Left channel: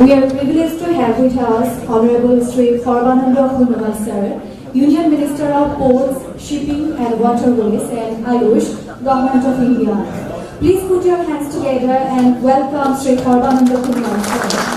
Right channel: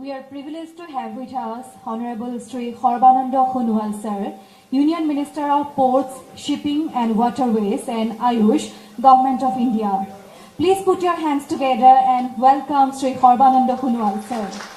We are privileged to have with us Honorable Sri Sarbananda Khunwal Sir, Union Minister of Ports, Shipping and Waterways and Ayush, Government of India. Please put your hands together and welcome Sri Sarbananda Khunwal Sir.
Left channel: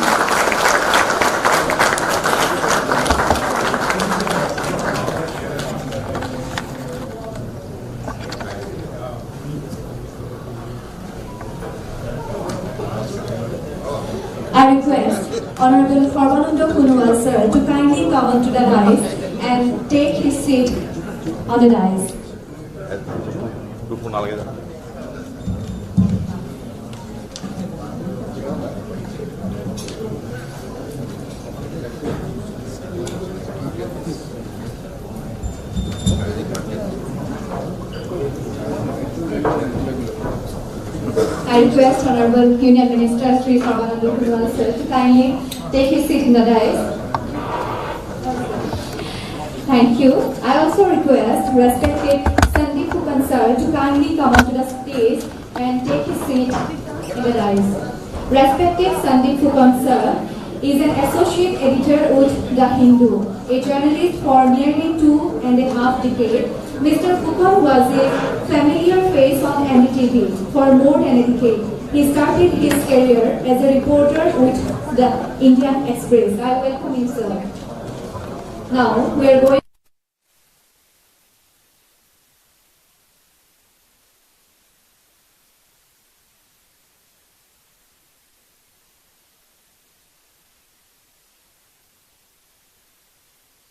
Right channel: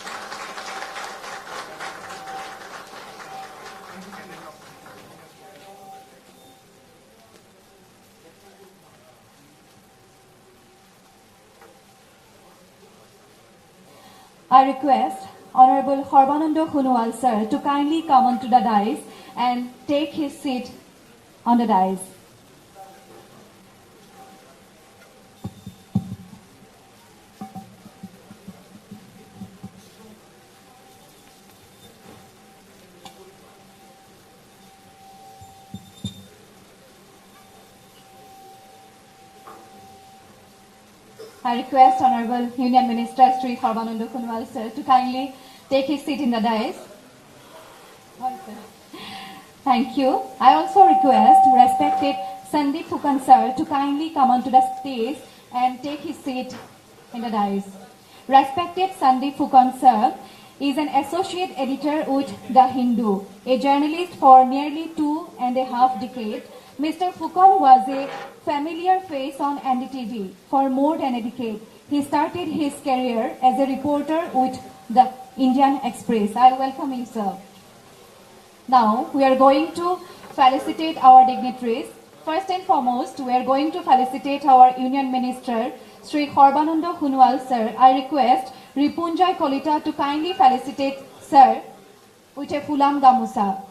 I request Honorable Sarbananda Khunwal Sir to kindly come onto the dais and take his seat on the dais. I request Honorable Union Minister Sri Sarbananda Khunwal Sir to kindly take his seat in the dais. Thank you. I also request respected Sandeep Fukan Sir to kindly come onto the stage and take his seat in the dais. Respected Sandeep Fukan Sir is an associate editor with The Hindu, a journalist for nearly 2.5 decades. Mr. Fukan was a familiar face on NDTV for more than a decade. He started his career as a reporter with the Indian Express. I welcome him, sir. Now, we are going to felicitate our dignitaries. First and foremost, we are going to felicitate our Union Minister, Sri Sarbananda Khunwal Sir. I request Ripunjay Kolita to kindly felicitate Sir with a Fulam Gamusa.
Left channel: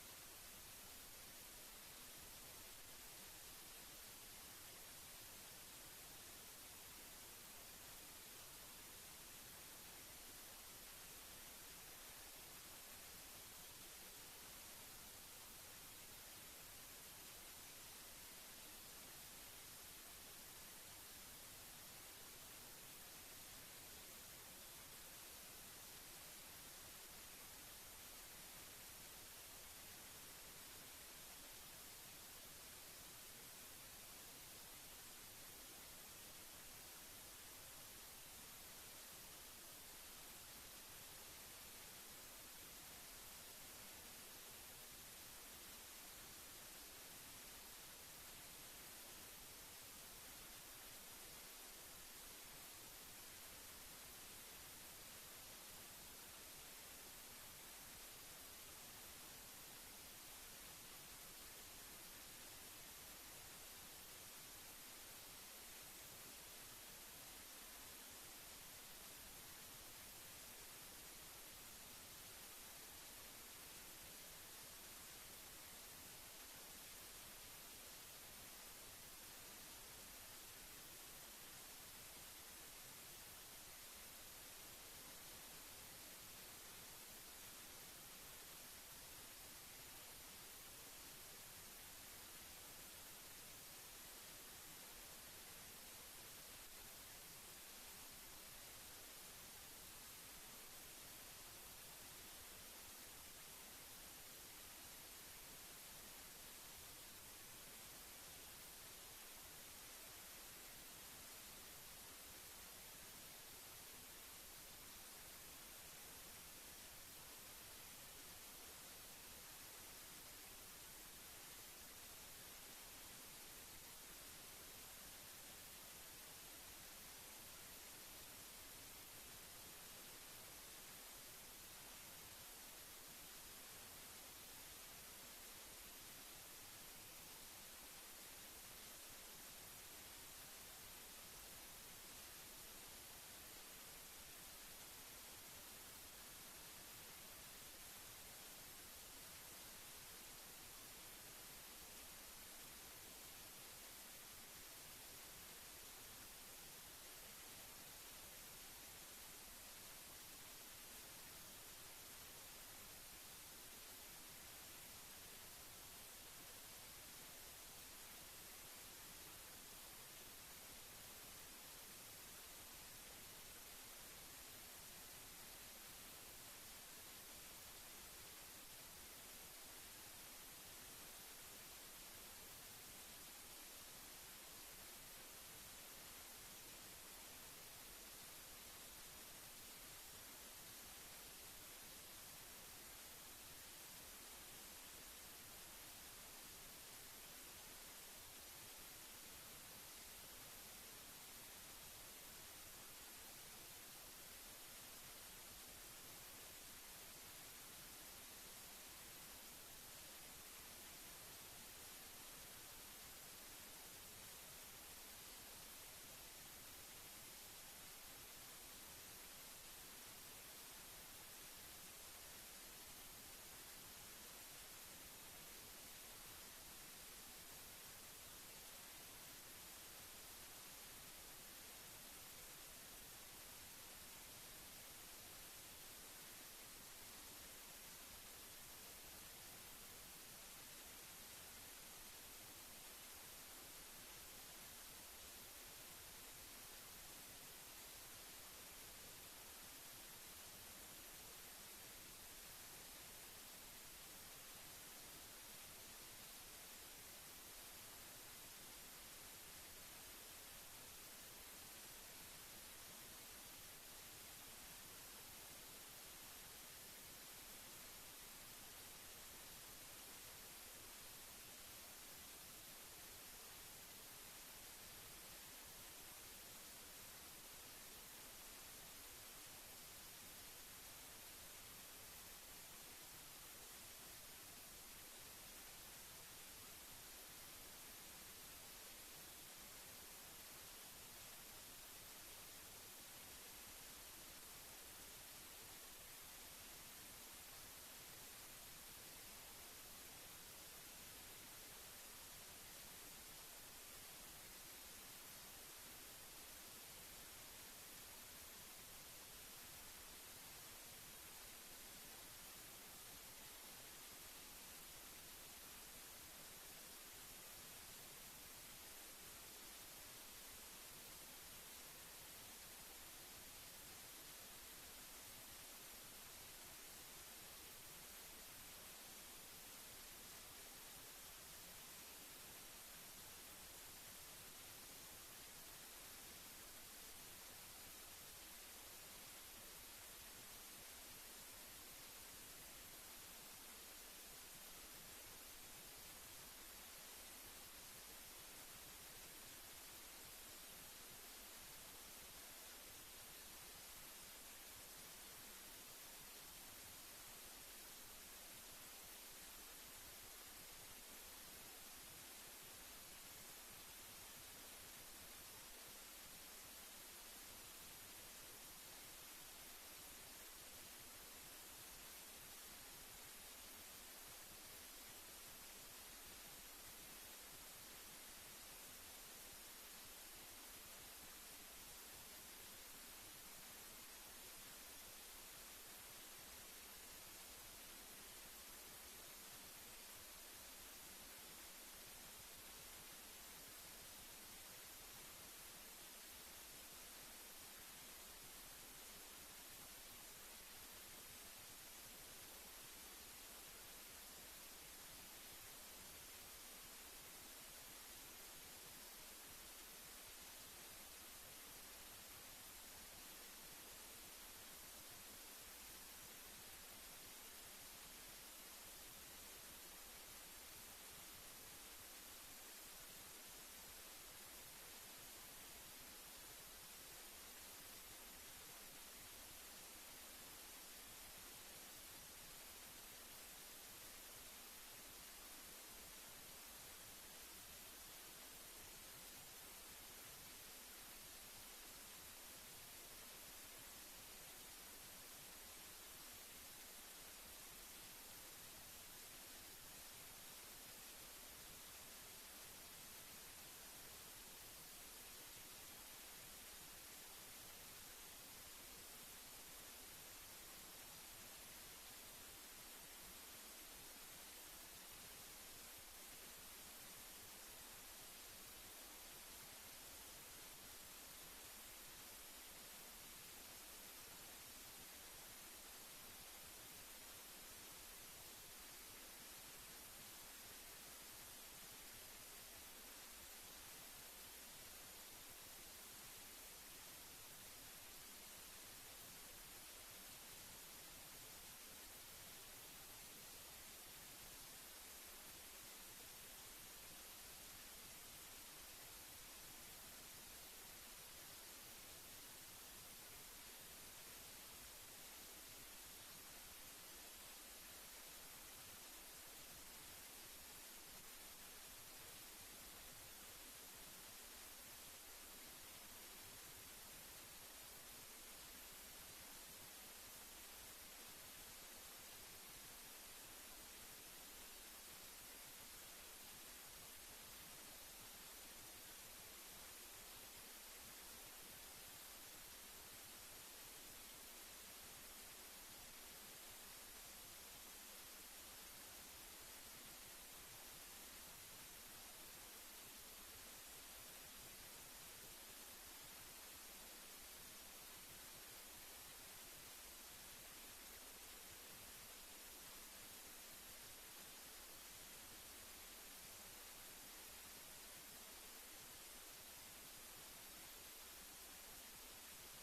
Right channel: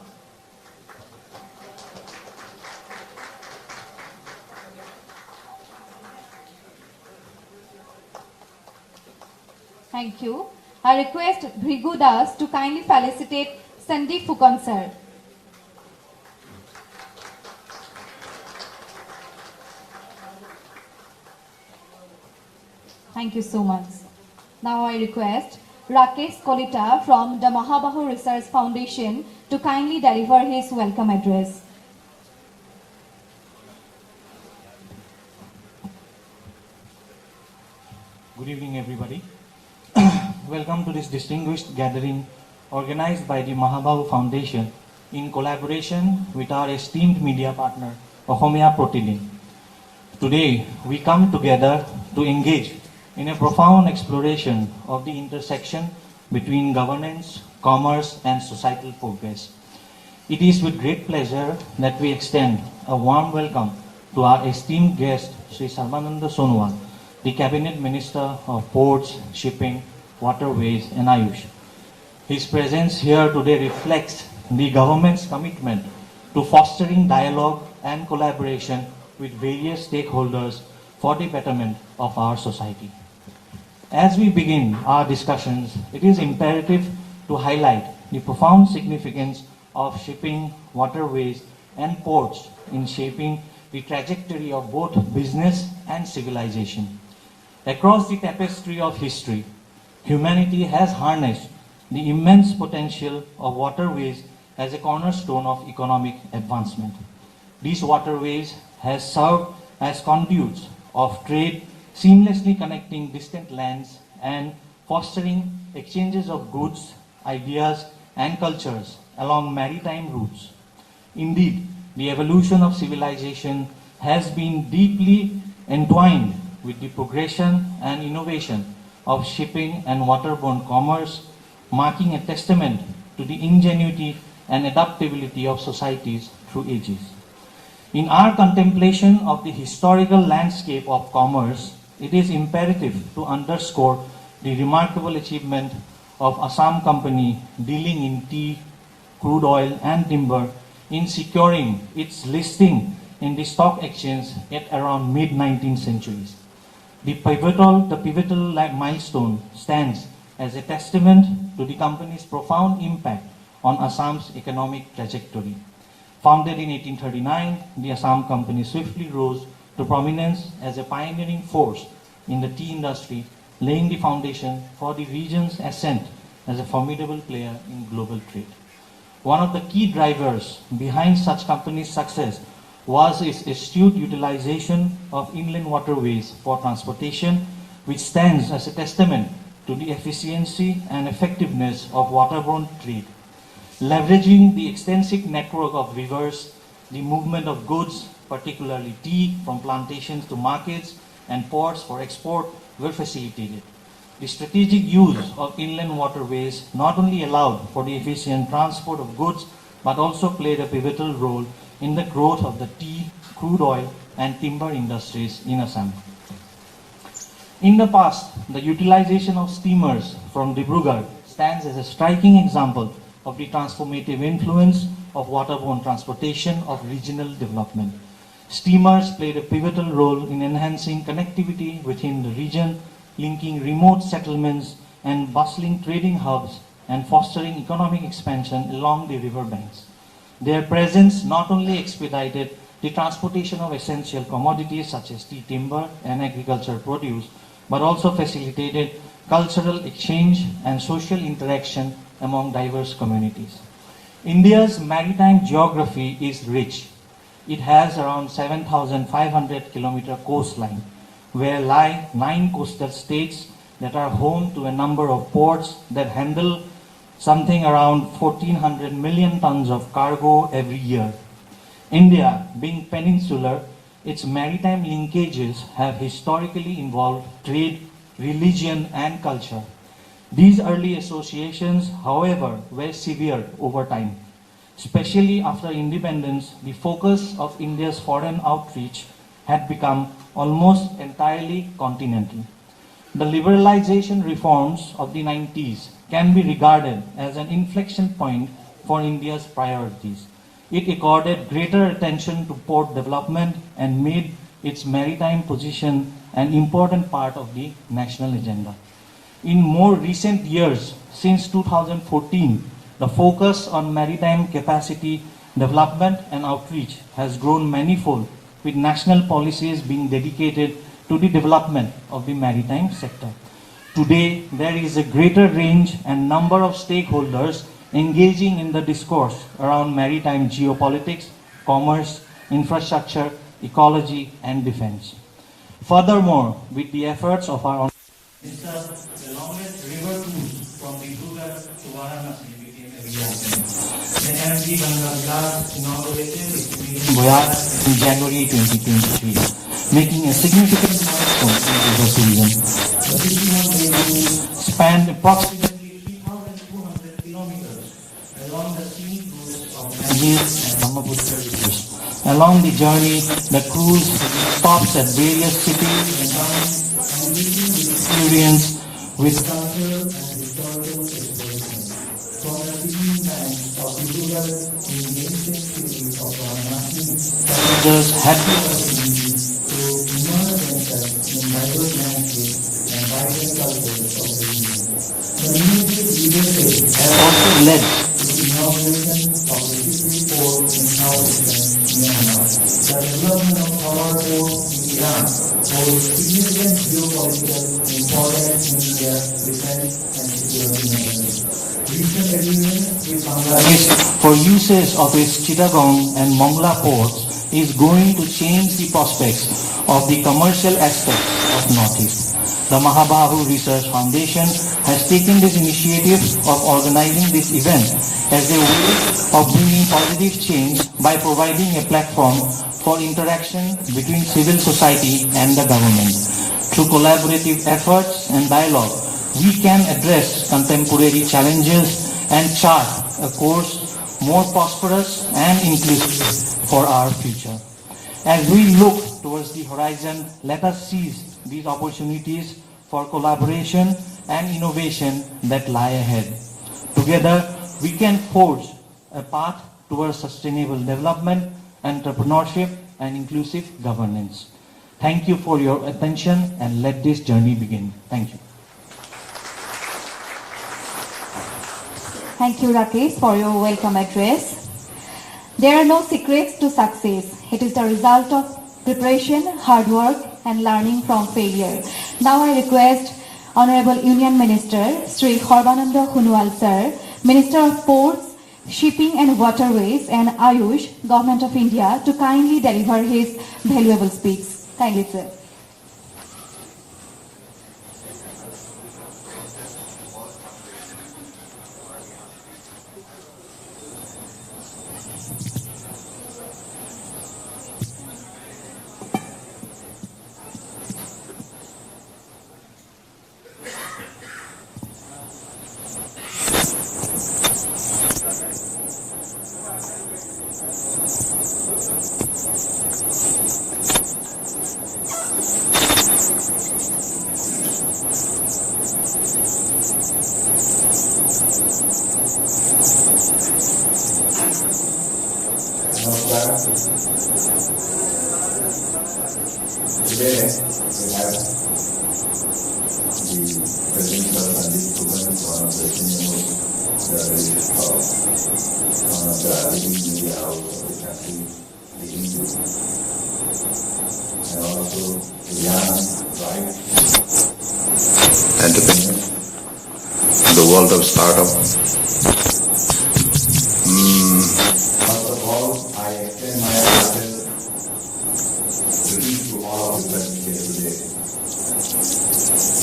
Thank you. I request Bhrigu Das to kindly felicitate Sandeep Fukan Sir. Thank you so much. Now I request Rakesh Kolita from the Mahabahu Research Foundation to kindly deliver his welcome address. Good evening, everybody. Welcome to this distinguished gathering organized by the Mahabahu Foundation in collaboration with our esteemed media partner, Ohomia Protilin. Today, we come together to engage in a profound exploration of the intersection between governance, commerce, and societal progress. It is with great pleasure that we extend a warm welcome to our esteemed guest, Sri Sarbananda Sonowal, the Cabinet Minister of Ports, Shipping, Waterways and Ayush. His presence here today reflects the government's commitment to fostering dialogue and collaboration with various stakeholders for the betterment of our society. As we begin our discussions, it is imperative to highlight the profound significance of shipping, waterways and ports in shaping the trajectory of both business and civilization. Across the tapestry of history, humanity has harnessed the immense potential of waterways as a cornerstone of economic advancement. These waterways have served as conduits of trade, seamlessly connecting distant lands and fostering exchanges of goods, ideas, and cultures along maritime routes. Indeed, the evolution of civilization has been deeply entwined with the progression and innovation of shipping and waterborne commerce, marking a testament to the ingenuity and adaptability of societies through ages. In our contemplation of the historical landscape of commerce, it is imperative to underscore the remarkable achievement of Assam Company dealing in tea, crude oil and timber in securing its listing in the stock exchange at around mid-19th centuries. The pivotal milestone stands as a testament to the company's profound impact on Assam's economic trajectory. Founded in 1839, the Assam Company swiftly rose to prominence as a pioneering force in the tea industry, laying the foundation for the region's ascent as a formidable player in global trade. One of the key drivers behind such company's success was its astute utilization of inland waterways for transportation, which stands as a testament to the efficiency and effectiveness of waterborne trade. Leveraging the extensive network of rivers, the movement of goods, particularly tea, from plantations to markets and ports for export were facilitated. The strategic use of inland waterways not only allowed for the efficient transport of goods, but also played a pivotal role in the growth of the tea, crude oil, and timber industries in Assam. In the past, the utilization of steamers from Dibrugarh stands as a striking example of the transformative influence of waterborne transportation of regional development. Steamers played a pivotal role in enhancing connectivity within the region, linking remote settlements and bustling trading hubs and fostering economic expansion along the river banks. Their presence not only expedited the transportation of essential commodities such as tea, timber, and agricultural produce, but also facilitated cultural exchange and social interaction among diverse communities. India's maritime geography is rich. It has around 7,500 kilometer coastline, where lie 9 coastal states that are home to a number of ports that handle something around 1,400 million tons of cargo every year. India, being peninsular, its maritime linkages have historically involved trade, religion, and culture. These early associations, however, were severed over time. Especially after independence, the focus of India's foreign outreach had become almost entirely continental. The liberalization reforms of the 90s can be regarded as an inflection point for India's priorities. It accorded greater attention to port development and made its maritime position an important part of the national agenda. In more recent years, since 2014, the focus on maritime capacity development and outreach has grown manifold, with national policies being dedicated to the development of the maritime sector. Today, there is a greater range and number of stakeholders engaging in the discourse around maritime geopolitics, commerce, infrastructure, ecology, and defense. Furthermore, with the efforts of our the longest river cruise from Greenwood to Varanasi became a reality. The MV Ganga Vilas inaugurated its voyage in January 2023, making a significant milestone in river tourism. The 51-day cruise spanned approximately 3,200 kilometers along the scenic routes of Ganges and Brahmaputra rivers. Along the journey, the cruise stops at various cities and towns and meeting the experience with cultural and historical exploration. From the beginning times of Greenwood in the ancient city of Varanasi, passengers had the opportunity to immerse themselves in diverse landscapes and vibrant cultures of the region. The immediate leadership has also led to the inauguration of the Sikri port in southeastern Myanmar. The development of power ports in Iran holds significant geopolitical importance in India's defense and security measures. Recent agreements with Bangladesh for uses of its Chittagong and Mongla ports is going to change the prospects of the commercial aspects of Northeast. The Mahabahu Research Foundation has taken this initiative of organizing this event as a way of bringing positive change by providing a platform for interaction between civil society and the government. Through collaborative efforts and dialogue, we can address contemporary challenges and chart a course more prosperous and inclusive for our future. As we look towards the horizon, let us seize these opportunities for collaboration and innovation that lie ahead. Together, we can forge a path towards sustainable development, entrepreneurship, and inclusive governance. Thank you for your attention, and let this journey begin. Thank you. Thank you, Rakesh, for your welcome address. There are no secrets to success. It is the result of preparation, hard work, and learning from failure. Now I request Honorable Union Minister Sri Horbananda Hunwal Sir, Minister of Ports, Shipping and Waterways, and Ayush, Government of India, to kindly deliver his valuable speech. Kindly, sir. Today, we have the President of Sandip Kuban, one of the senior most one of the leading media house of the country, the Greenwood, and also the young, bright entrepreneur in the world of startup. First of all, I extend my heartfelt greetings to all of you present here today.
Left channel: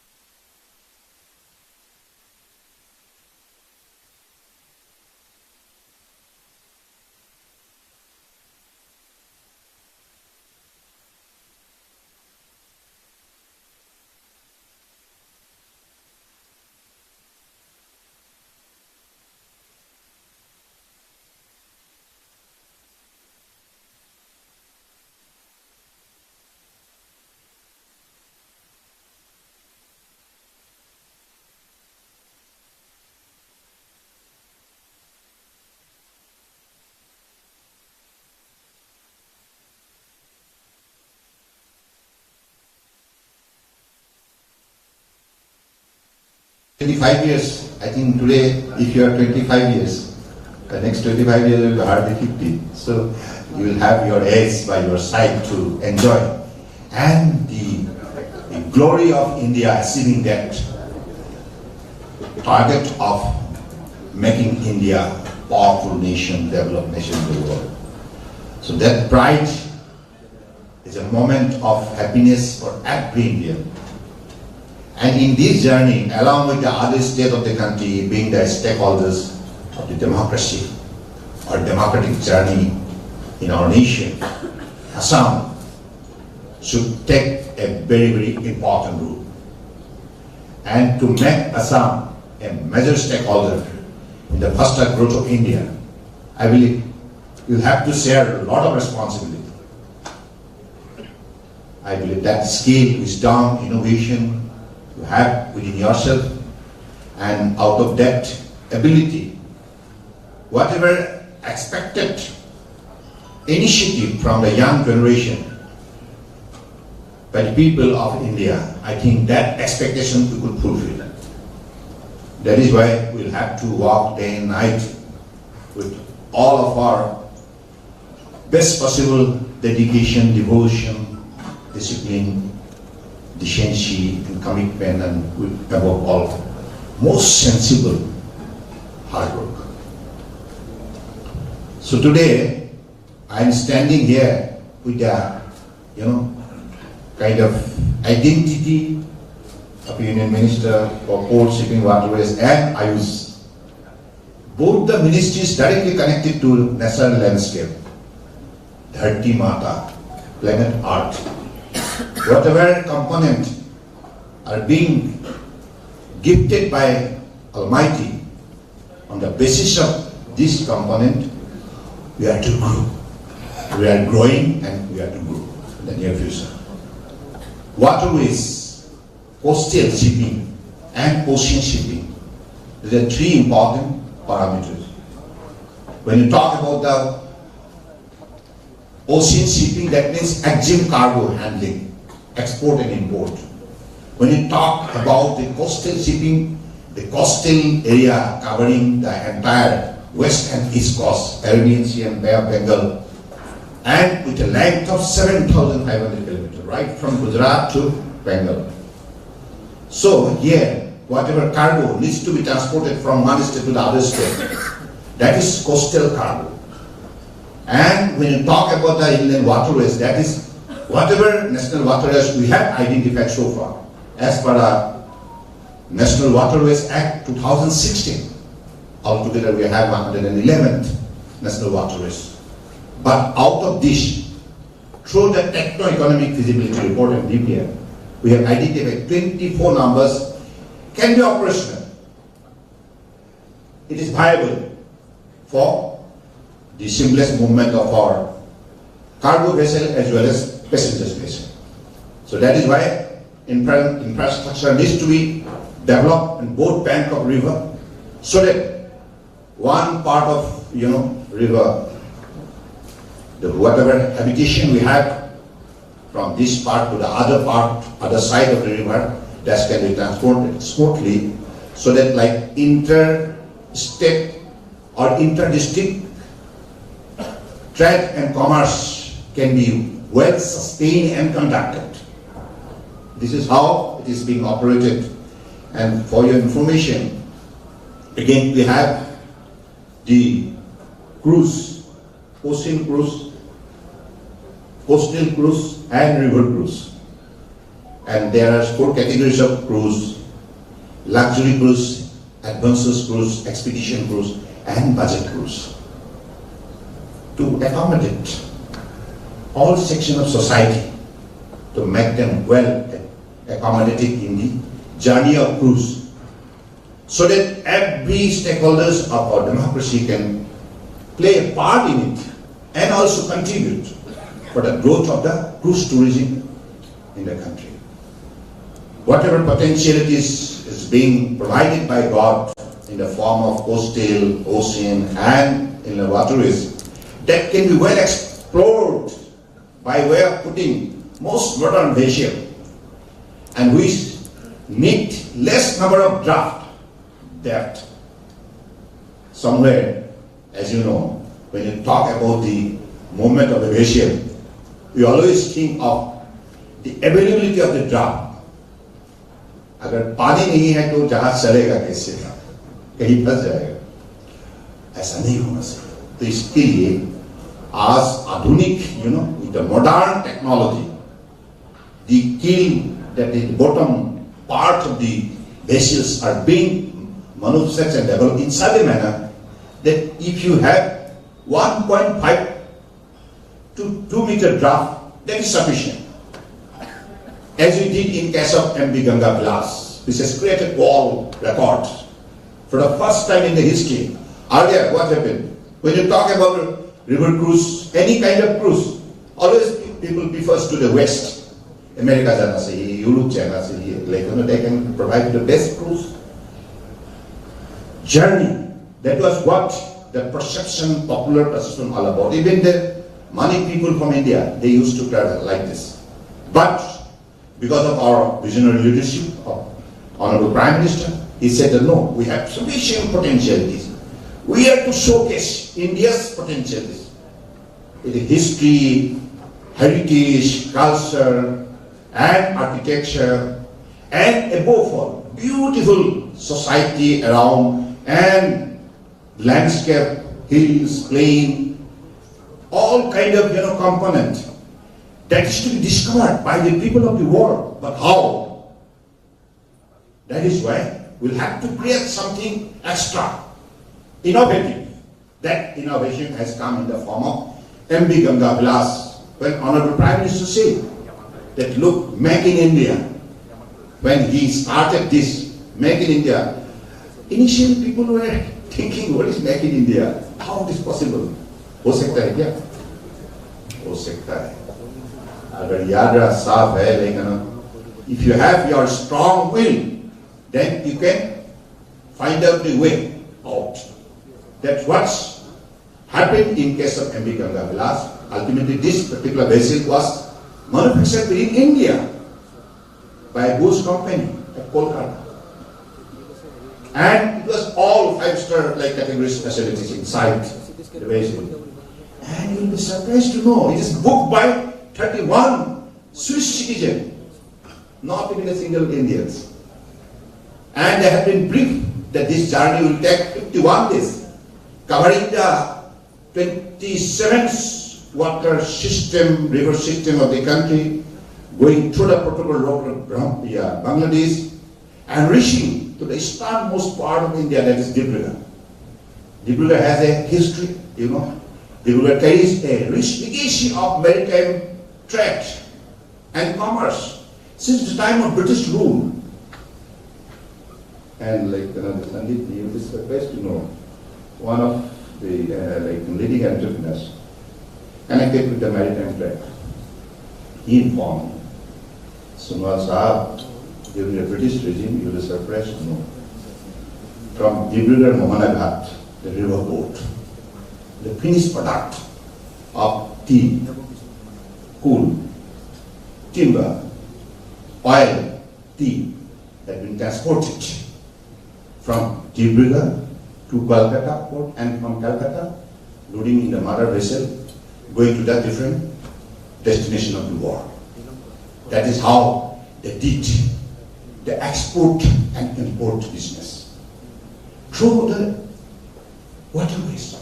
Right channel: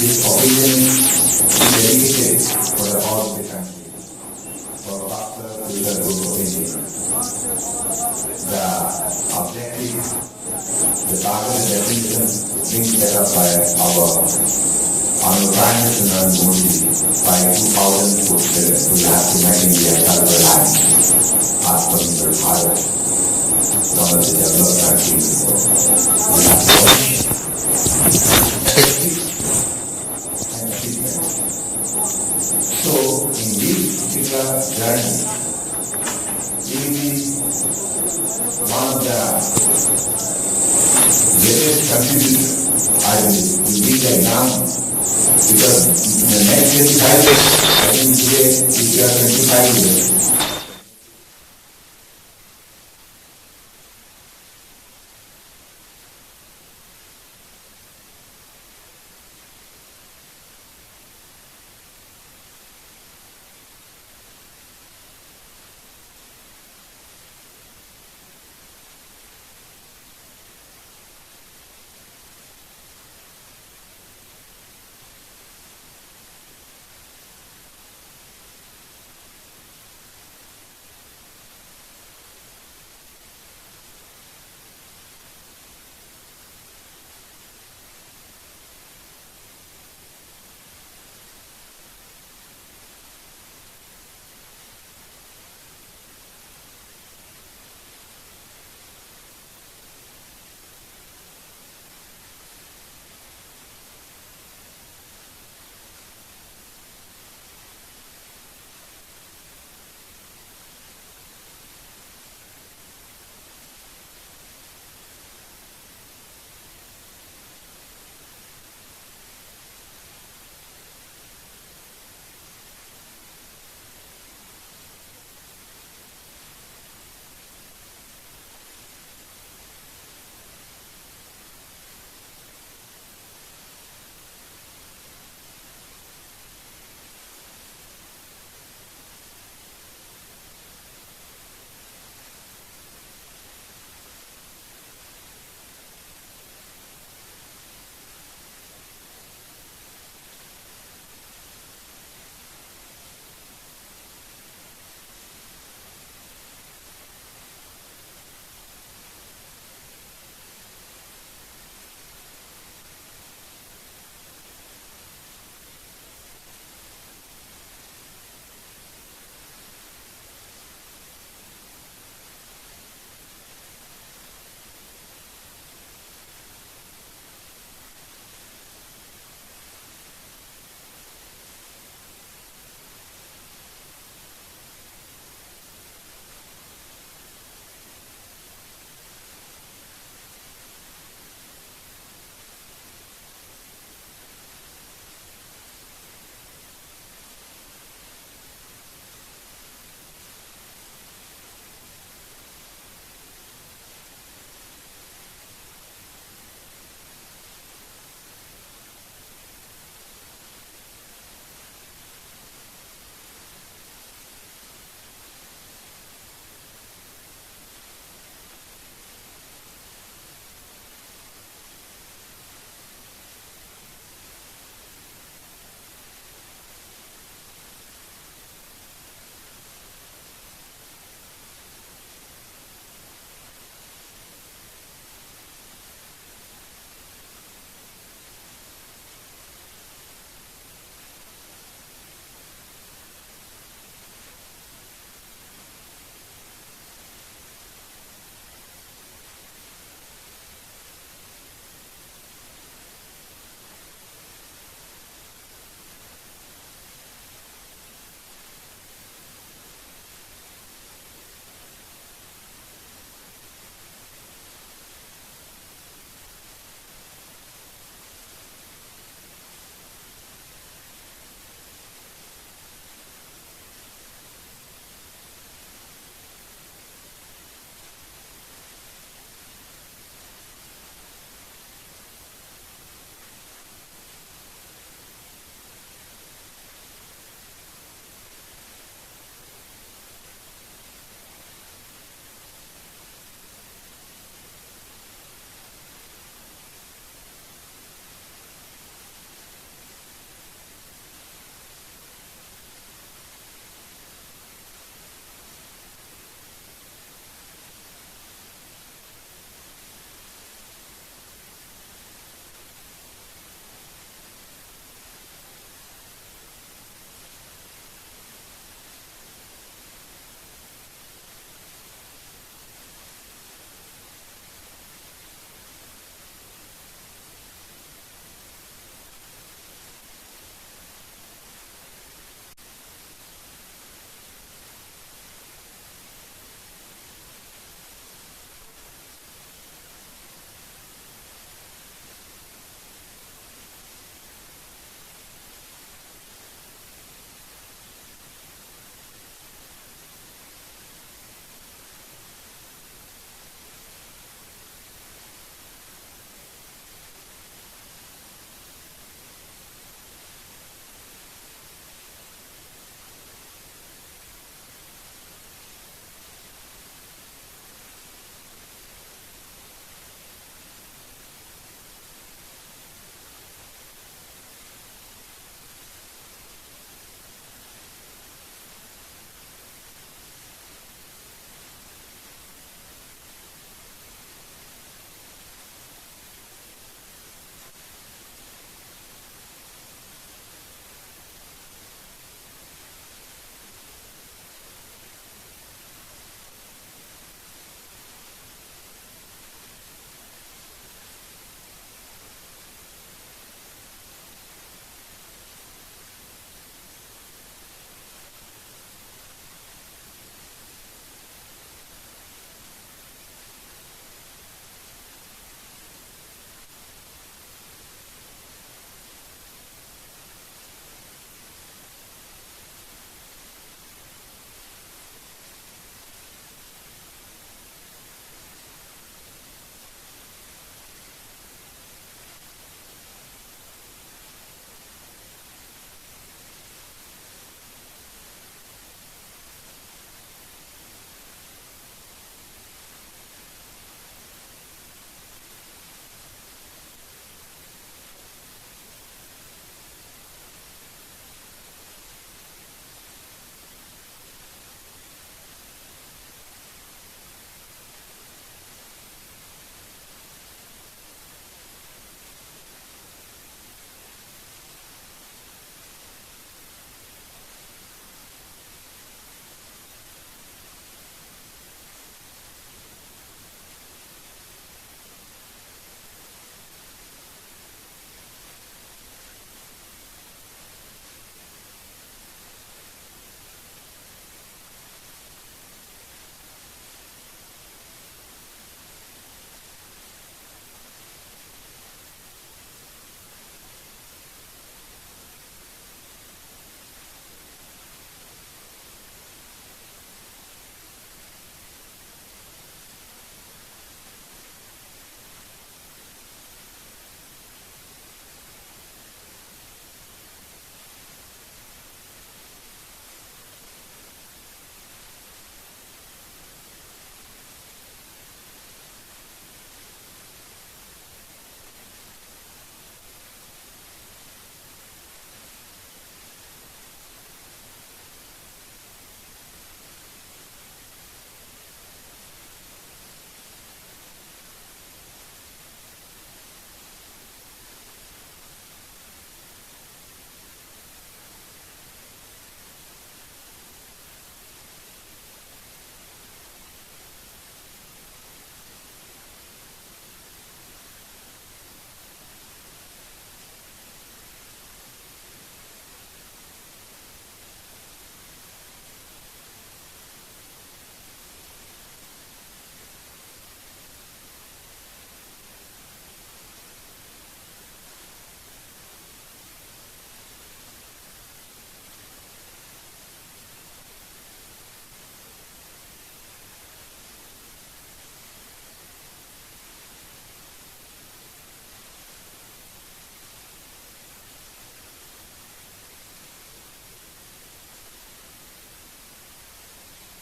This occasion is dedicated for the whole of the country, for faster rural growth of India. The objective, the target definition being set up by our Honorable Prime Minister Narendra Modi by 2047 will have to make India self-reliant, Atmanirbhar Bharat, one of the developed countries. We have to effective and achievement. So, in this particular journey, it will be one of the greatest contributors, I believe, will be the young. Because in the next 25 years, I think today, if you are 25 years, the next 25 years will be hardly 50. So you will have your age by your side to enjoy. And the glory of India achieving that target of making India a powerful nation, developed nation in the world. So that pride is a moment of happiness for every Indian. And in this journey, along with the other states of the country being the stakeholders of the democracy or democratic journey in our nation, Assam should take a very, very important role. And to make Assam a major stakeholder in the faster growth of India, I believe you have to share a lot of responsibility. I believe that skill, wisdom, innovation, you have within yourself, and out of that ability, whatever expected initiative from the young generation by the people of India, I think that expectation we could fulfill. That is why we'll have to work day and night with all of our best possible dedication, devotion, discipline, decency, and commitment, and above all, most sensible hard work. So today, I am standing here with a, kind of identity of Union Minister for Port, Shipping, Waterways, and Ayush. Both the ministries directly connected to natural landscape, Dharti Mata, planet Earth. Whatever component are being gifted by Almighty, on the basis of this component, we are to grow. We are growing and we are to grow in the near future. Waterways, coastal shipping and ocean shipping. These are three important parameters. When you talk about the ocean shipping, that means exim cargo handling, export and import. When you talk about the coastal shipping, the coastal area covering the entire west and east coast, Arabian Sea and Bay of Bengal, and with a length of 7,500 kilometers, right from Gujarat to Bengal. So here, whatever cargo needs to be transported from one state to the other state, that is coastal cargo. And when you talk about the inland waterways, that is whatever national waterways we have identified so far, as per the National Waterways Act 2016. Altogether we have 111 national waterways. But out of this, through the techno-economic feasibility report and DPR, we have identified 24 numbers can be operational. It is viable for the seamless movement of our cargo vessel as well as passengers vessel. So that is why infrastructure needs to be developed in both bank of river, so that one part of river, whatever habitation we have from this part to the other part, other side of the river, that can be transported smoothly, so that like inter-state or inter-district trade and commerce can be well sustained and conducted. This is how it is being operated. And for your information, again we have the cruise, ocean cruise, coastal cruise and river cruise. And there are 4 categories of cruise: luxury cruise, adventurous cruise, expedition cruise and budget cruise. To accommodate all sections of society, to make them well accommodated in the journey of cruise, so that every stakeholders of our democracy can play a part in it and also contribute for the growth of the cruise tourism in the country. Whatever potentialities is being provided by God in the form of coastal, ocean and inland waterways, that can be well explored by way of putting most modern vessel, and which need less number of draft. That somewhere, as you know, when you talk about the movement of the vessel, we always think of the availability of the draft. अगर पानी नहीं है तो जहाज चलेगा कैसे, कहीं फंस जाएगा, ऐसा नहीं होना चाहिए। तो इसके लिए आज आधुनिक, with the modern technology, the keel, that is the bottom part of the vessels are being manufactured and developed in such a manner that if you have 1.5 to 2 meter draft, that is sufficient. As we did in case of MV Ganga Glass, which has created world records. For the first time in the history, earlier what happened? When you talk about river cruise, any kind of cruise, always people prefer to the west. America jana chahiye, Europe jana chahiye, like they can provide the best cruise journey. That was what the perception, popular perception all about. Even the money people from India, they used to travel like this. But because of our visionary leadership of Honorable Prime Minister, he said that no, we have sufficient potentialities. We have to showcase India's potentialities with the history, heritage, culture, and architecture, and above all, beautiful society around, and landscape, hills, plain, all kind of component that is to be discovered by the people of the world. But how? That is why we'll have to create something extra, innovative. That innovation has come in the form of MV Ganga Glass. When Honorable Prime Minister said that look, make in India, when he started this, make in India, initially people were thinking, what is make in India? How it is possible? हो सकता है क्या? हो सकता है। अगर यात्रा साफ है, लेकिन if you have your strong will, then you can find out the way out. That's what's happened in case of MV Ganga Vilas. Ultimately, this particular vessel was manufactured in India by a Bush company at Kolkata. And it was all five-star like categories facilities inside the vessel. And you'll be surprised to know it is booked by 31 Swiss citizens, not even a single Indian. And they have been briefed that this journey will take 51 days, covering the 27th water system, river system of the country, going through the protocol road of Bangladesh, and reaching to the easternmost part of India, that is Dibrugarh. Dibrugarh has a history, you know. Dibrugarh carries a rich legacy of maritime trade and commerce since the time of British rule. And like Sandeep, you will be surprised to know, one of the leading entrepreneurs connected with the maritime trade, he informed Sunwal Sahab, during the British regime, you will be surprised to know, from Dibrugarh Mohanaghat, the river port, the finished product of tea, coal, timber, oil, tea, has been transported from Dibrugarh to Kolkata port, and from Calcutta, loading in the mother vessel, going to the different destination of the world. That is how they did the export and import business through the waterways.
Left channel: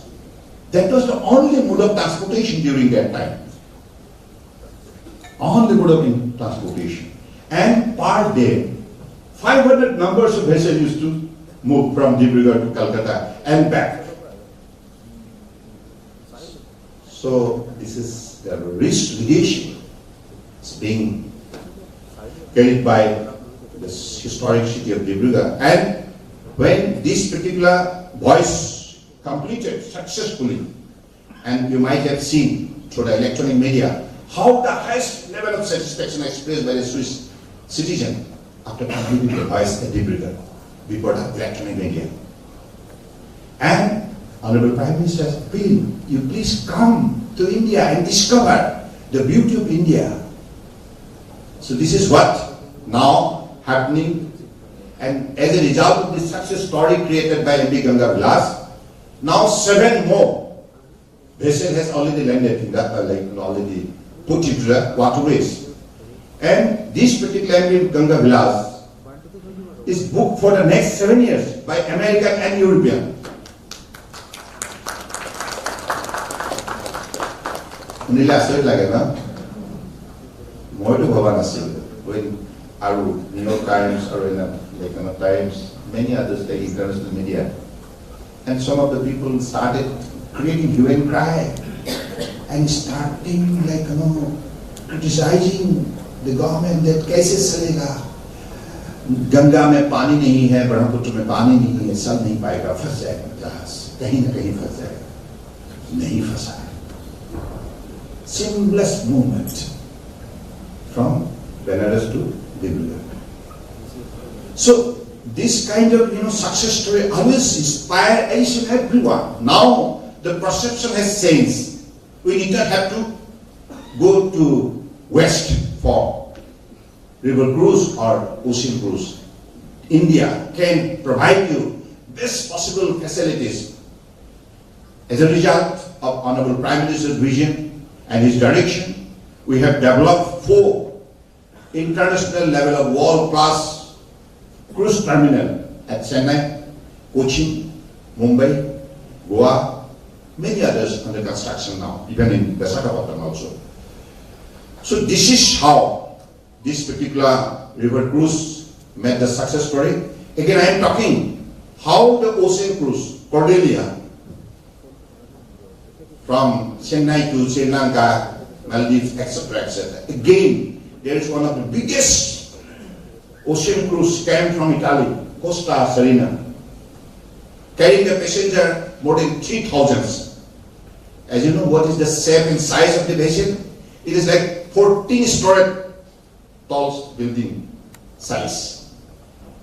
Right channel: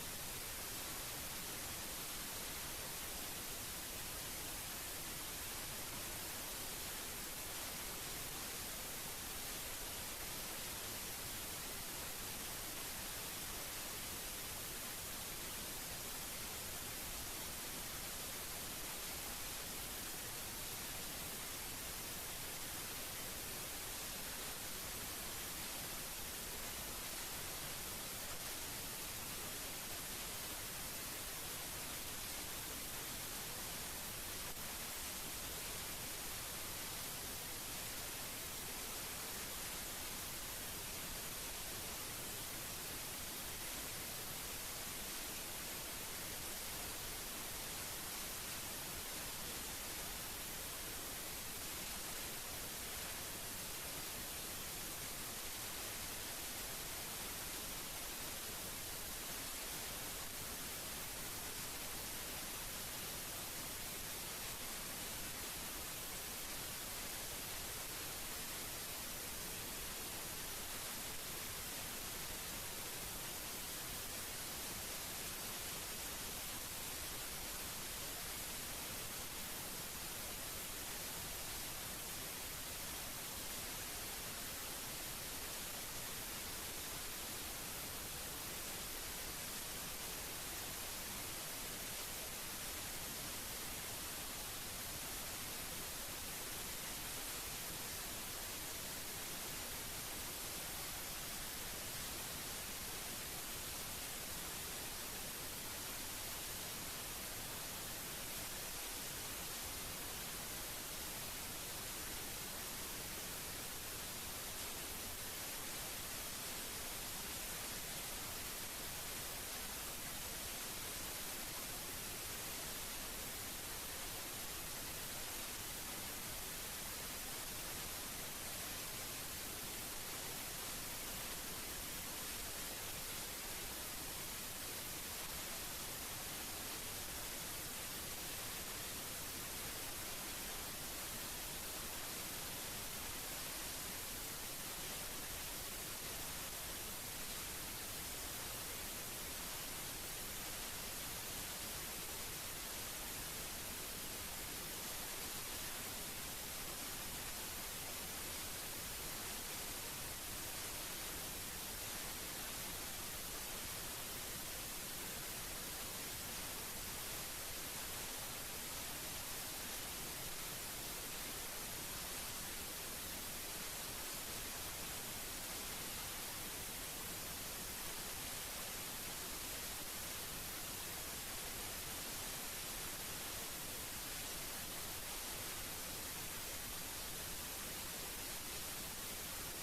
That was the only mode of transportation during that time. Only mode of transportation. And per day, 500 numbers of vessels used to move from Dibrugarh to Calcutta and back. So this is the rich legation. It's being carried by this historic city of Dibrugarh. And when this particular voice completed successfully, and you might have seen through the electronic media how the highest level of satisfaction expressed by the Swiss citizen after completing the voice at Dibrugarh before the electronic media. And Honorable Prime Minister says, "Will you please come to India and discover the beauty of India?" So this is what now happening, and as a result of this success story created by MV Ganga Vilas, now 7 more vessels has already landed in that, already put into the waterways. And this particular MV Ganga Vilas is booked for the next 7 years by American and European. Unila asyik lage na, moi to bhaba nasil. When New York Times or Times, many others like international media, and some of the people started creating hue and cry and starting criticizing the government that कैसे चलेगा, गंगा में पानी नहीं है, ब्रह्मपुत्र में पानी नहीं है, सब नहीं पाएगा, फंस जाएगा जहाज, कहीं न कहीं फंस जाएगा, नहीं फंसा. Seamless movement from Benares to Dibrugarh. So this kind of success story always inspire each and everyone. Now the perception has changed. We did not have to go to west for river cruise or ocean cruise. India can provide you best possible facilities. As a result of Honorable Prime Minister's vision and his direction, we have developed 4 international level of world-class cruise terminal at Chennai, Cochin, Mumbai, Goa, many others under construction now, even in Visakhapatnam also. So this is how this particular river cruise made the success story. Again, I am talking how the ocean cruise, Cordelia, from Chennai to Sri Lanka, Maldives, etc., etc. Again, there is one of the biggest ocean cruise came from Italy, Costa Serena, carrying a passenger more than 3,000. As you know, what is the shape and size of the basin? It is like 14-story tall building size.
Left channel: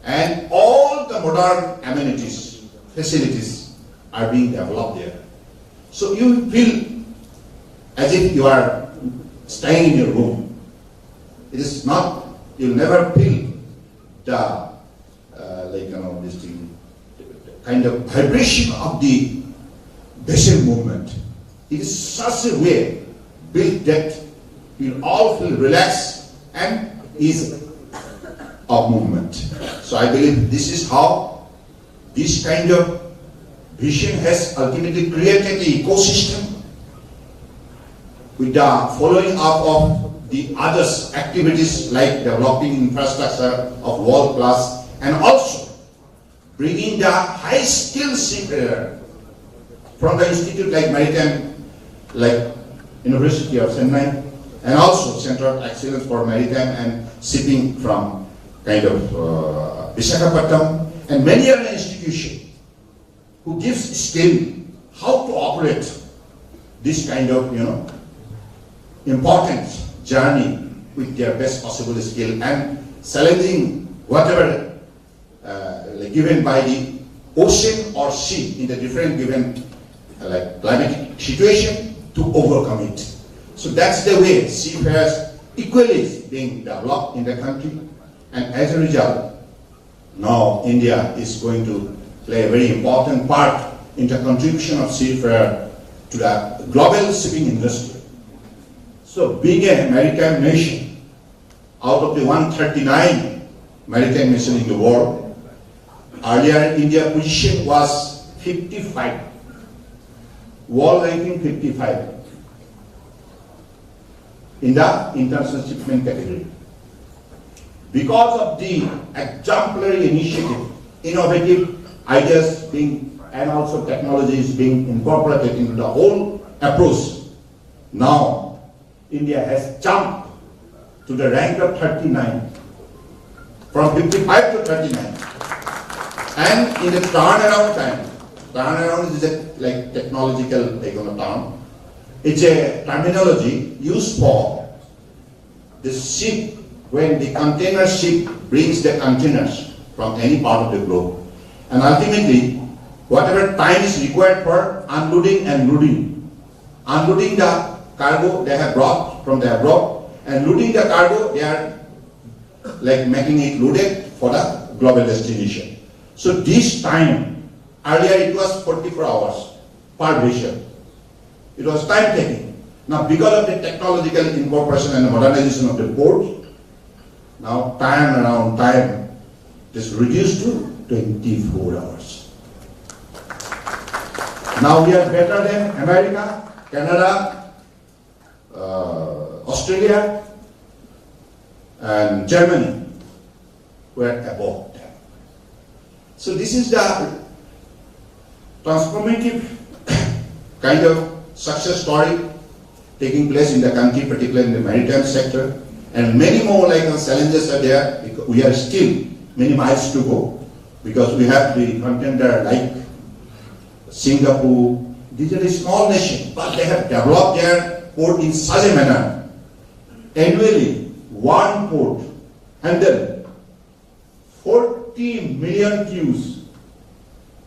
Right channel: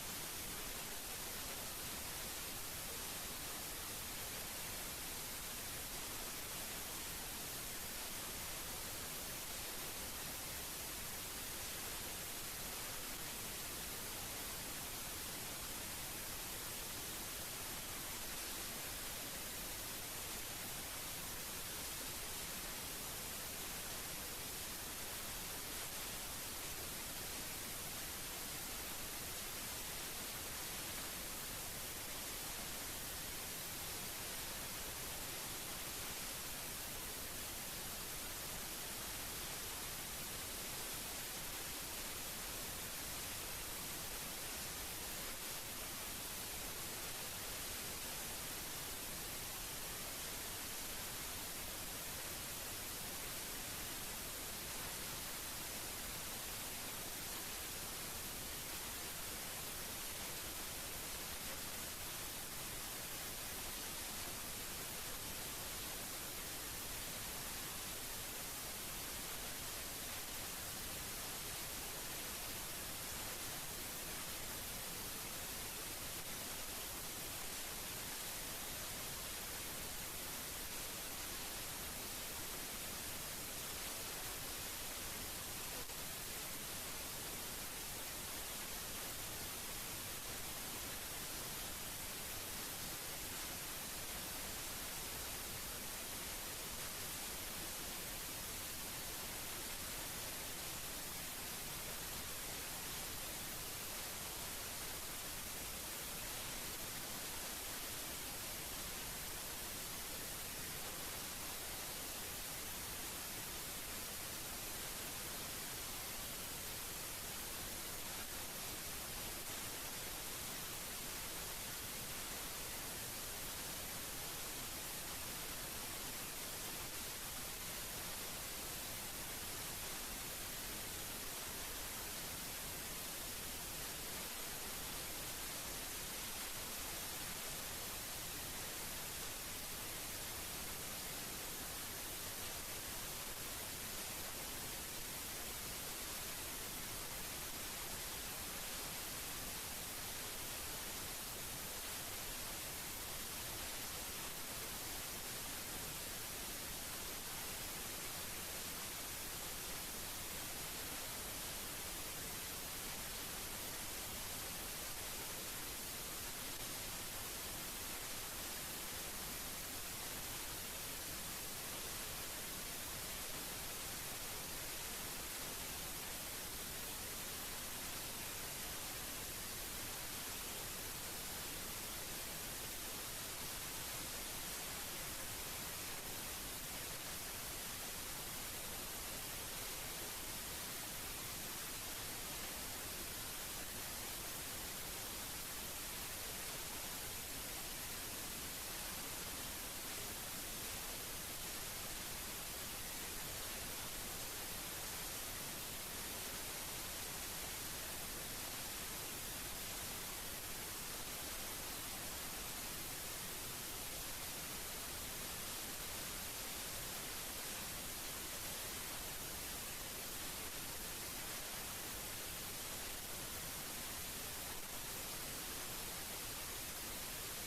And all the modern amenities, facilities are being developed there. So you feel as if you are staying in your room. It is not, you'll never feel the this thing, kind of vibration of the basin movement. It is such a way built that you all feel relaxed and easy of movement. So I believe this is how this kind of vision has ultimately created the ecosystem with the following up of the others activities like developing infrastructure of world class and also bringing the high skilled seafarer from the institute like Maritime, like University of Chennai, and also Center of Excellence for Maritime and Shipping from kind of Visakhapatnam, and many other institutions who gives skill how to operate this kind of important journey with their best possible skill and challenging whatever given by the ocean or sea in the different given climatic situation to overcome it. So that's the way seafarers equally is being developed in the country, and as a result, now India is going to play a very important part in the contribution of seafarer to the global shipping industry. So being a maritime nation, out of the 139 maritime nations in the world, earlier India's position was 55. World ranking 55 in the international shipment category. Because of the exemplary initiative, innovative ideas being and also technologies being incorporated into the whole approach, now India has jumped to the rank of 39, from 55 to 39. And in the turnaround time, turnaround is a technological term. It's a terminology used for the ship when the container ship brings the containers from any part of the globe. And ultimately, whatever time is required for unloading and loading. Unloading the cargo they have brought from the abroad, and loading the cargo, they are making it loaded for the global destination. So this time, earlier it was 44 hours per vessel. It was time taking. Now because of the technological incorporation and the modernization of the port, now time is reduced to 24 hours. Now we are better than America, Canada, Australia, and Germany. We are above them. So this is the transformative kind of success story taking place in the country, particularly in the maritime sector, and many more challenges are there. We are still many miles to go because we have the contender like Singapore. These are a small nation, but they have developed their port in such a manner. Annually, one port handles 40 million cues.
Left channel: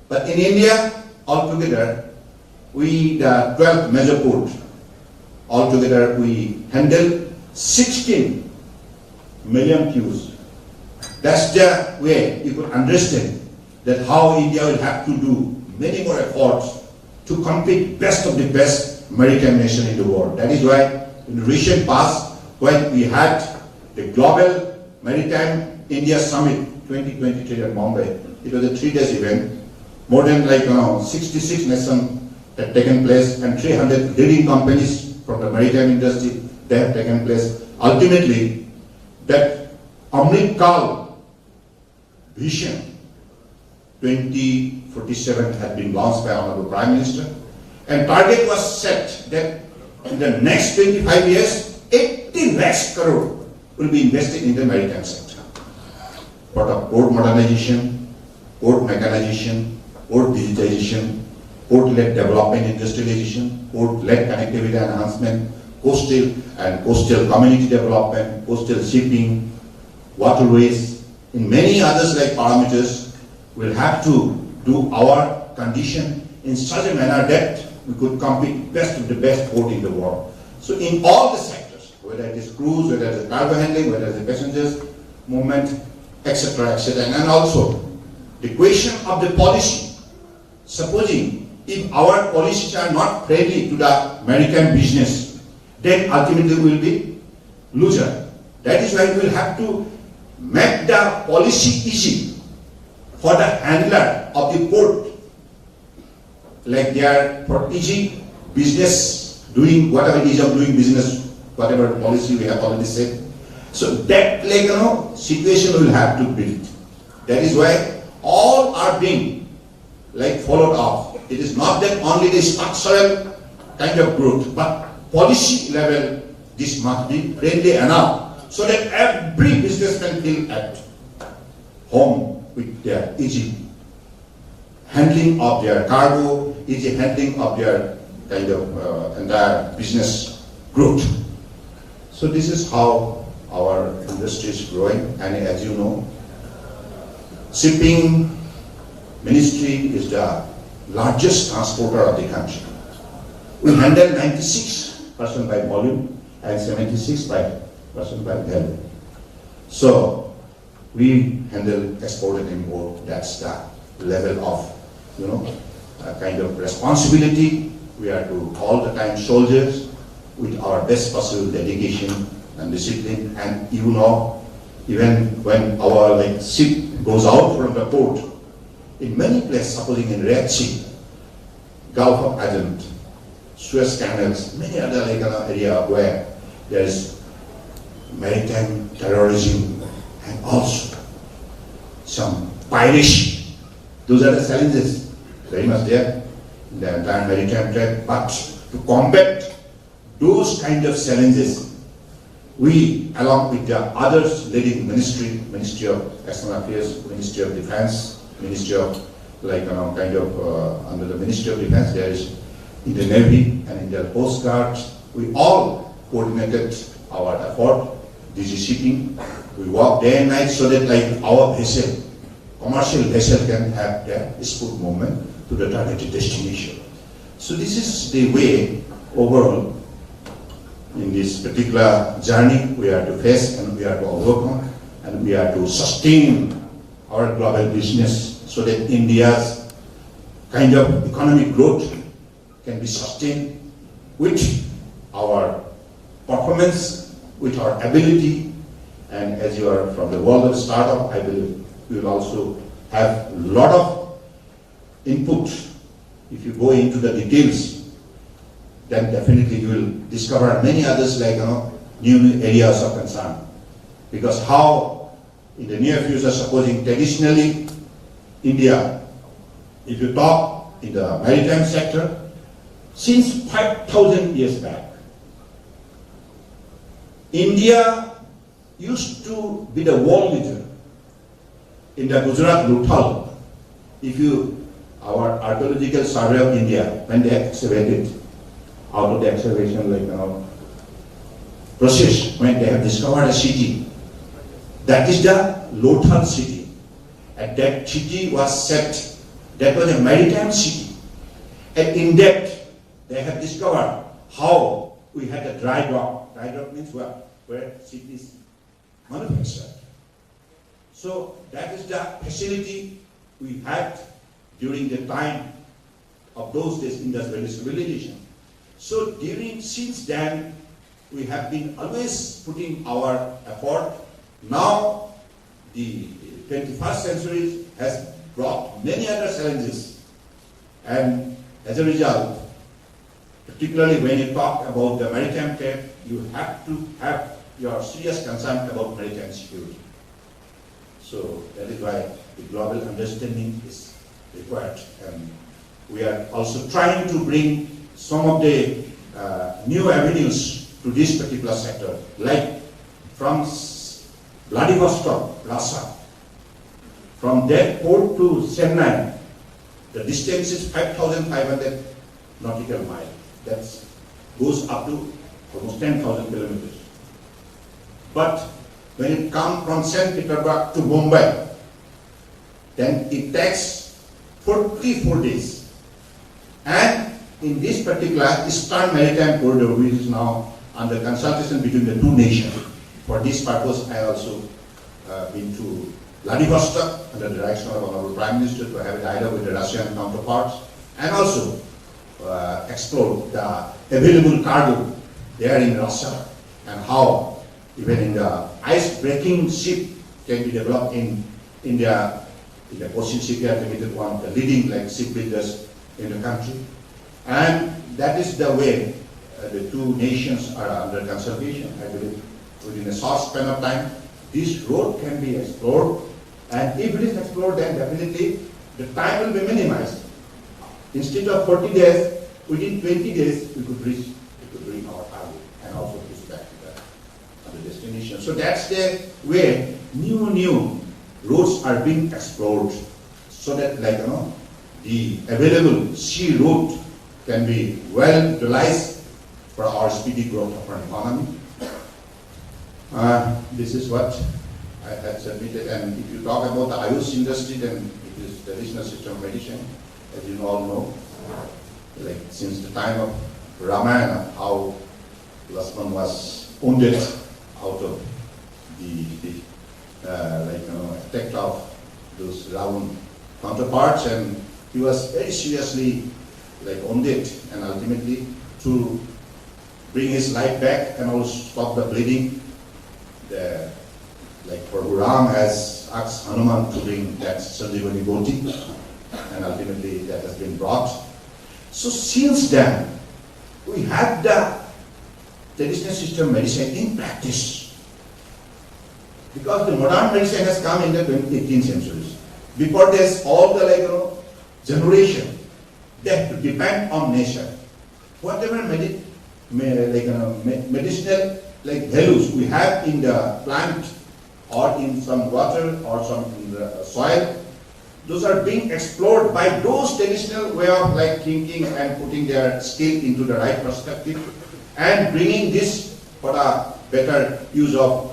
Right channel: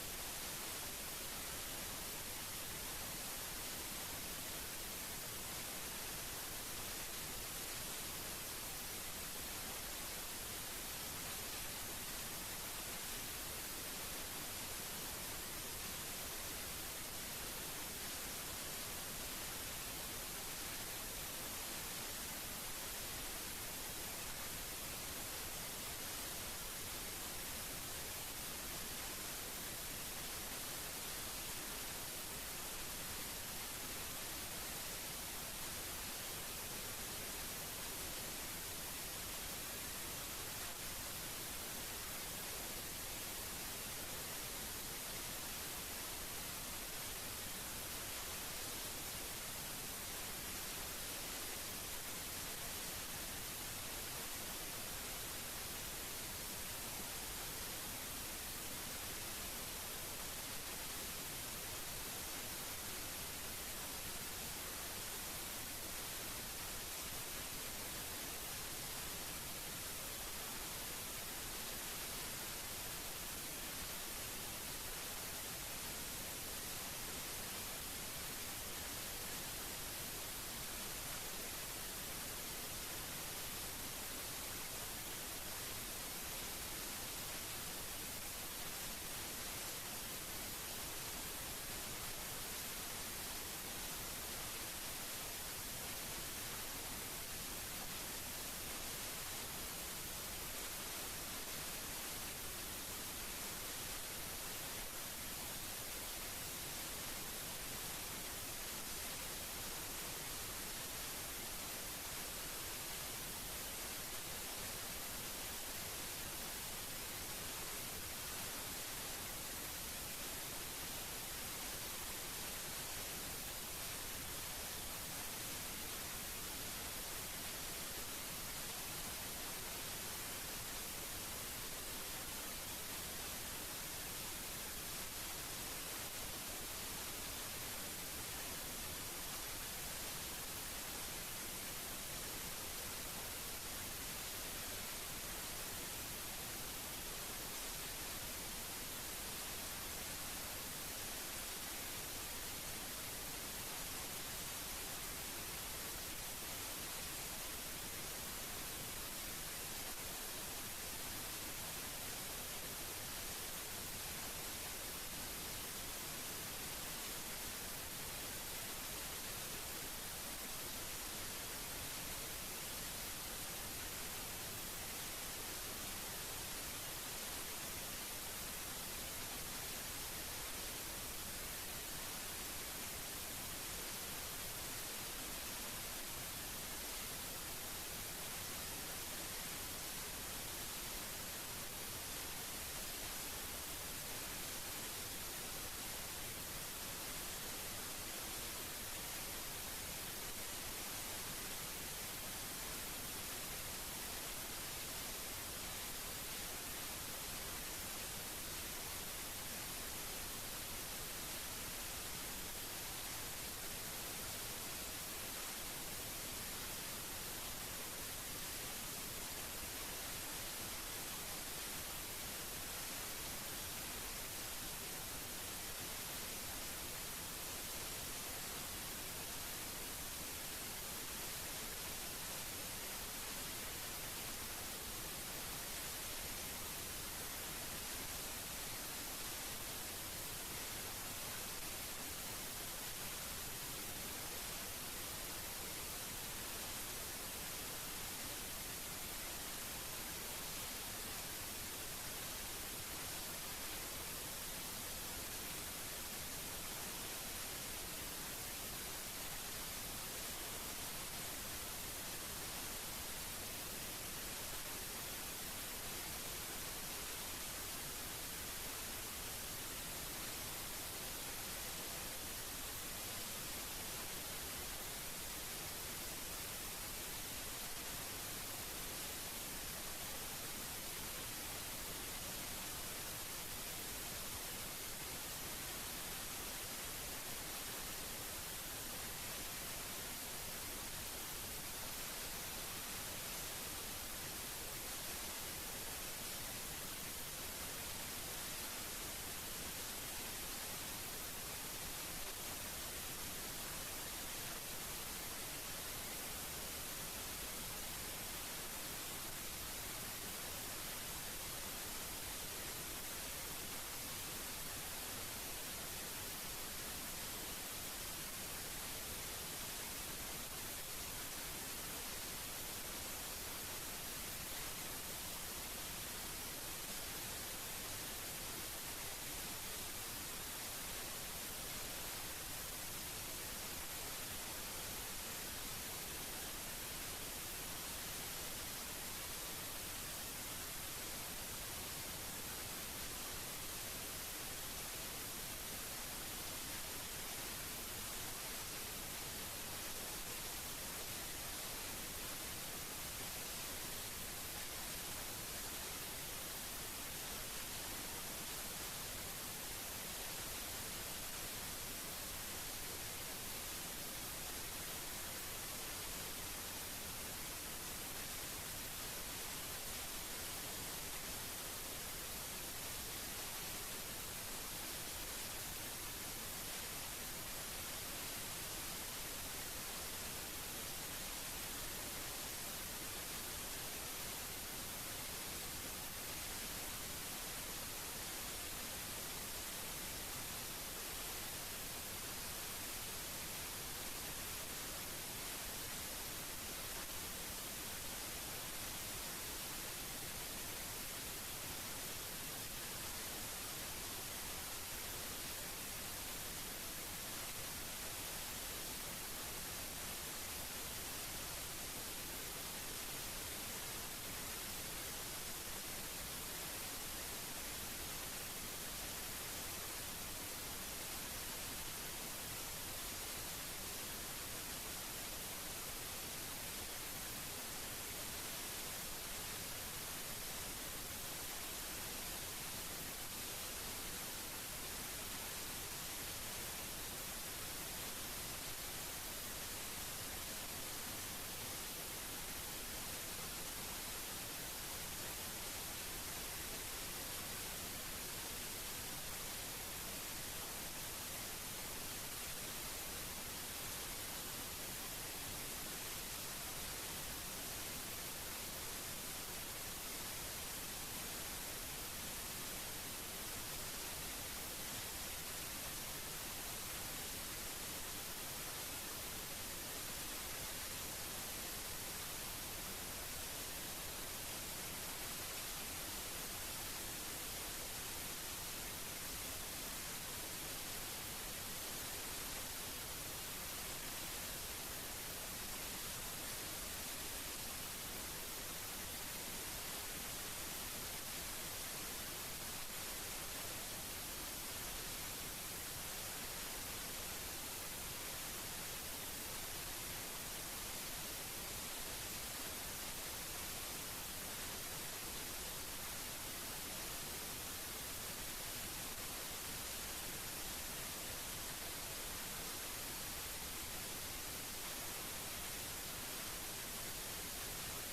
But in India, altogether, the 12th major port, altogether we handle 16 million cues. That's the way you could understand that how India will have to do many more efforts to compete best of the best maritime nation in the world. That is why in the recent past, when we had the Global Maritime India Summit 2023 at Mumbai, it was a 3-day event. More than 66 nations have taken place, and 300 leading companies from the maritime industry, they have taken place. Ultimately, that Amrit Kal vision 2047 had been launched by Honorable Prime Minister, and target was set that in the next 25 years, 80 lakhs crore will be invested in the maritime sector for the port modernization, port mechanization, port digitization, port-led development industrialization, port-led connectivity enhancement, coastal community development, coastal shipping, waterways, and many others like parameters. We'll have to do our condition in such a manner that we could compete best with the best port in the world. So in all the sectors, whether it is cruise, whether it is cargo handling, whether it is passengers movement, etc., etc., and also the question of the policy. Supposing if our policies are not friendly to the maritime business, then ultimately we will be loser. That is why we will have to make the policy easy for the handler of the port, like they are for easy business, doing whatever ease of doing business, whatever policy we have already said. So that situation we will have to build. That is why all are being followed up. It is not that only the structural kind of growth, but policy level this must be friendly enough so that every businessman feel at home with their easy handling of their cargo, easy handling of their entire business growth. So this is how our industry is growing, and as you know, shipping ministry is the largest transporter of the country. We handle 96% by volume and 76% by value. So we handle export and import. That's the level of kind of responsibility. We are to all the time soldiers with our best possible dedication and discipline. And even when our ship goes out from the port, in many places, supposing in Red Sea, Gulf of Aden, Suez Canals, many other area where there is maritime terrorism and also some piracy. Those are the challenges very much there in the entire maritime trade. But to combat those kind of challenges, we, along with the others leading Ministry of External Affairs, Ministry of Defense, Ministry of under the Ministry of Defense, there is in the Navy and in the Coast Guard, we all coordinated our effort, DG shipping. We work day and night so that our vessel, commercial vessel, can have their smooth movement to the targeted destination. So this is the way overall in this particular journey we are to face and we are to overcome and we are to sustain our global business so that India's kind of economic growth can be sustained with our performance, with our ability, and as you are from the world of startup, I believe you will also have a lot of input. If you go into the details, then definitely you will discover many others new areas of concern. Because how in the near future, supposing traditionally India, if you talk in the maritime sector, since 5,000 years back, India used to be the world leader in the Gujarat Luthal. If our archaeological survey of India, when they excavated, out of the excavation process, when they have discovered a city, that is the Lothal city. And that city was set, that was a maritime city. And in that, they have discovered how we had a dry dock. Dry dock means where cities manufacture. So that is the facility we had during the time of those days in the civilization. So since then, we have been always putting our effort. Now, the 21st century has brought many other challenges. And as a result, particularly when you talk about the maritime trade, you have to have your serious concern about maritime security. So that is why the global understanding is required. And we are also trying to bring some of the new avenues to this particular sector, like from Vladivostok, Russia, from that port to Chennai, The distance is 5,500 nautical miles. That goes up to almost 10,000 kilometers. But when it comes from St. Petersburg to Mumbai, then it takes 44 days. And in this particular Eastern Maritime Corridor, which is now under consultation between the two nations, for this purpose I also been to Vladivostok under the direction of Honorable Prime Minister to have a dialogue with the Russian counterparts and also explore the available cargo there in Russia and how even in the ice-breaking ship can be developed in India. The Ocean Shipyard Limited, one of the leading ship builders in the country. And that is the way the two nations are under consultation. I believe within a short span of time, this road can be explored. And if it is explored, then definitely the time will be minimized. Instead of 40 days, within 20 days, we could reach our cargo and also push back to the destination. So that's the way new roads are being explored, so that the available sea route can be well utilized for our speedy growth of our economy. This is what I had submitted, and if you talk about the Ayush industry, then it is traditional system of medicine, as you all know. Since the time of Ramayana, how Lakshman was wounded out of the attack of those Ravan counterparts, and he was very seriously wounded, and ultimately to bring his life back and also stop the bleeding, Ram has asked Hanuman to bring that Sanjeevani Boti, and ultimately that has been brought. So since then, we have the traditional system medicine in practice, because the modern medicine has come in the 18th century. Before this, all the generation, they have to depend on nature. Whatever medicinal values we have in the plant or in some water or some in the soil, those are being explored by those traditional way of thinking and putting their skill into the right perspective and bringing this for a better use of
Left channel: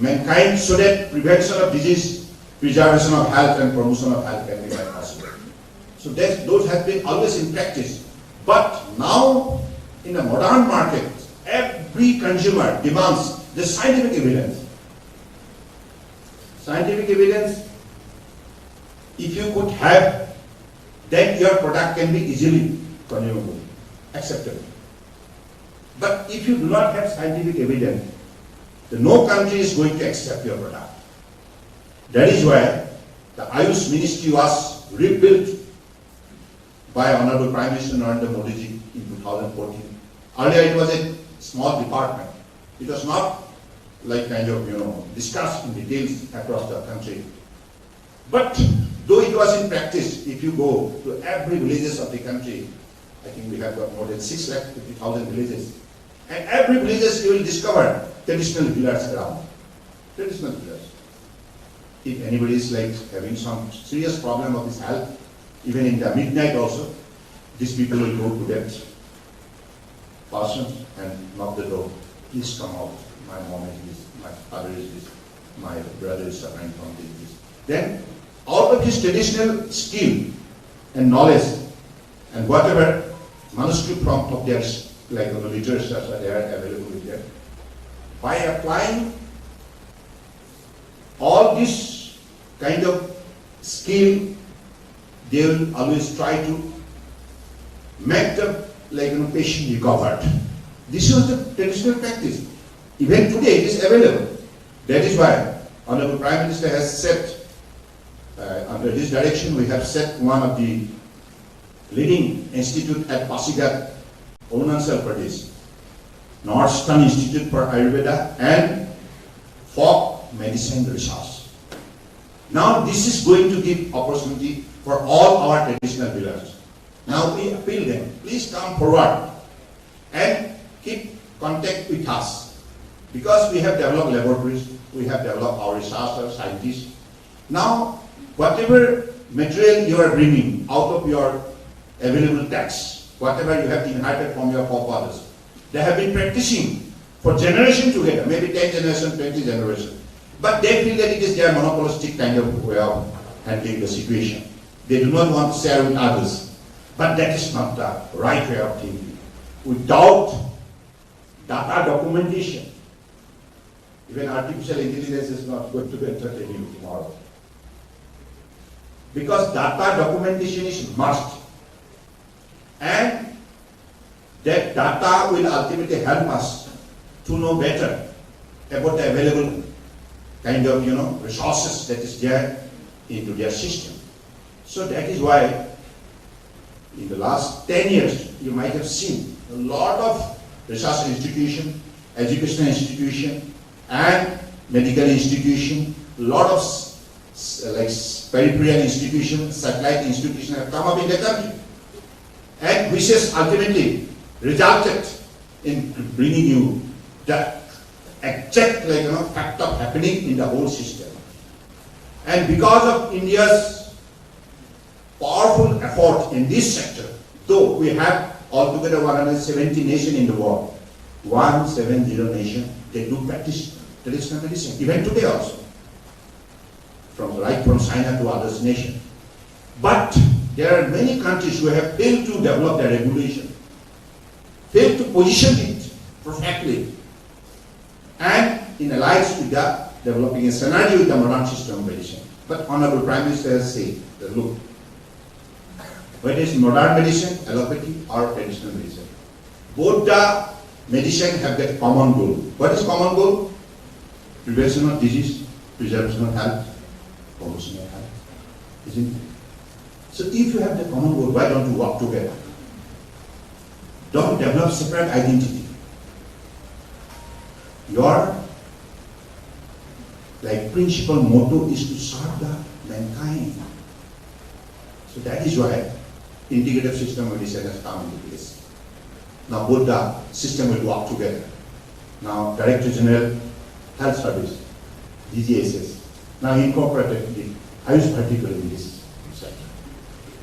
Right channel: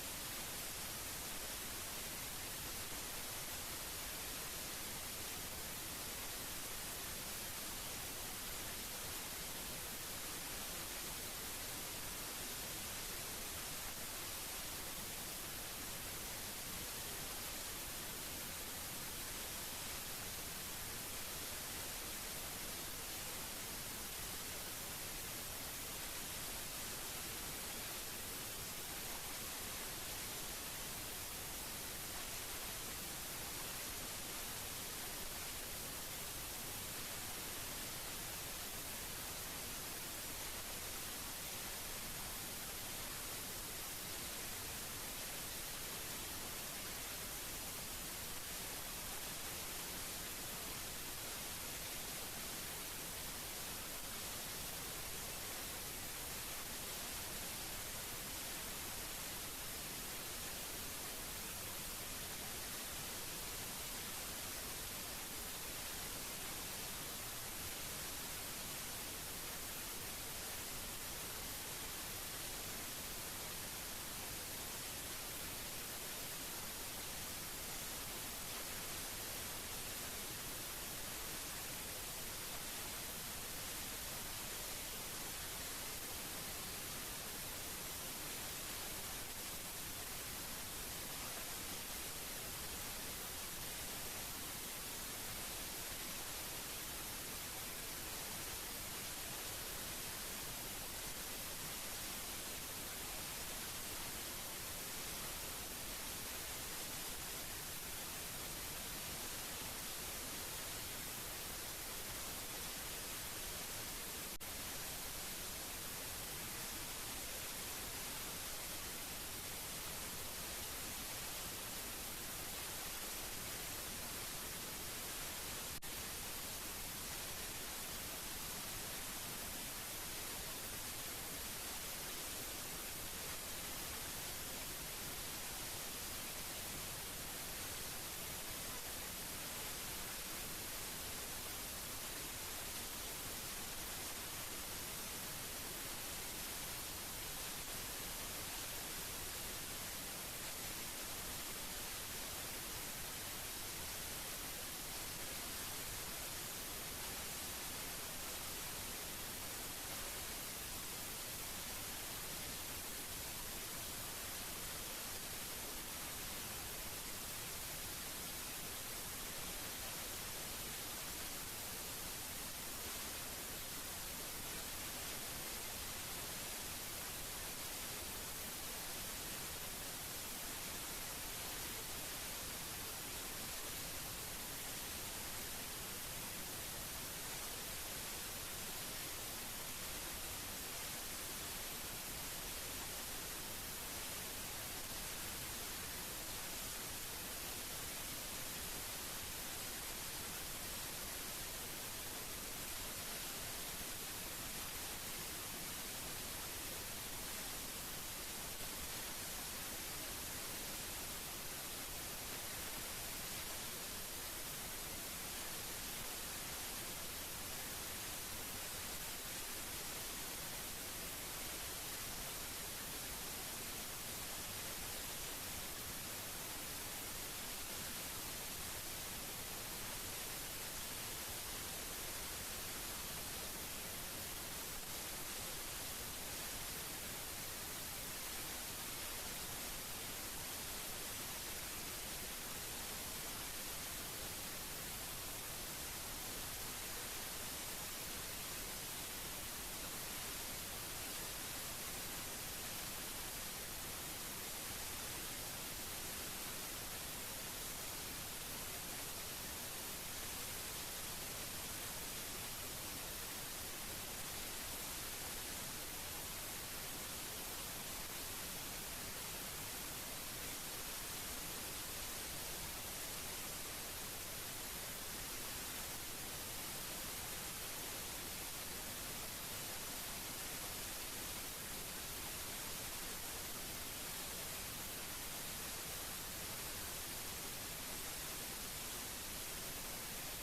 mankind, so that prevention of disease, preservation of health and promotion of health can be made possible. So those have been always in practice. But now in the modern market, every consumer demands the scientific evidence. Scientific evidence, if you could have, then your product can be easily consumable, acceptable. But if you do not have scientific evidence, then no country is going to accept your product. That is why the Ayush Ministry was rebuilt by Honorable Prime Minister Narendra Modi ji in 2014. Earlier it was a small department. It was not discussed in details across the country. But though it was in practice, if you go to every villages of the country, I think we have got more than 650,000 villages, and every villages you will discover traditional healers around. Traditional healers. If anybody is having some serious problem of his health, even in the midnight also, these people will go to that person and knock the door. Please come out. My mom is this, my father is this, my brother is suffering from this. Then, out of his traditional skill and knowledge and whatever manuscript from of their literature that they are available with them, by applying all this kind of skill, they will always try to make the patient recovered. This was the traditional practice. Even today it is available. That is why Honorable Prime Minister has set, under his direction, we have set one of the leading institute at Pasigat, Arunachal Pradesh, Northern Institute for Ayurveda and Folk Medicine Research. Now this is going to give opportunity for all our traditional healers. Now we appeal them, please come forward and keep contact with us, because we have developed laboratories, we have developed our researchers, scientists. Now whatever material you are bringing out of your available tax, whatever you have inherited from your forefathers. They have been practicing for generations together, maybe 10 generations, 20 generations. But they feel that it is their monopolistic kind of way of handling the situation. They do not want to share with others. But that is not the right way of thinking. Without data documentation, even artificial intelligence is not going to be entertaining tomorrow. Because data documentation is must. And that data will ultimately help us to know better about the available kind of, resources that is there into their system. So that is why in the last 10 years, you might have seen a lot of research institution, educational institution, and medical institution, a lot of peripheral institutions, satellite institutions have come up in the country, and which has ultimately resulted in bringing you the exact fact of happening in the whole system. And because of India's powerful effort in this sector, though we have altogether 170 nations in the world, 170 nations, they do practice traditional medicine, even today also, right from China to other nations. But there are many countries who have failed to develop their regulation, failed to position it perfectly, and in alliance with the developing a synergy with the modern system of medicine. But Honorable Prime Minister has said that look, whether it's modern medicine, allopathy, or traditional medicine, both the medicine have that common goal. What is common goal? Prevention of disease, preservation of health, promotion of health. Isn't it? So if you have the common goal, why don't you work together? Don't develop separate identity. Your principal motto is to serve the mankind. So that is why integrative system of medicine has come into place. Now both the system will work together. Now Director General Health Service, DGSS, now incorporated the Ayush vertical in this sector.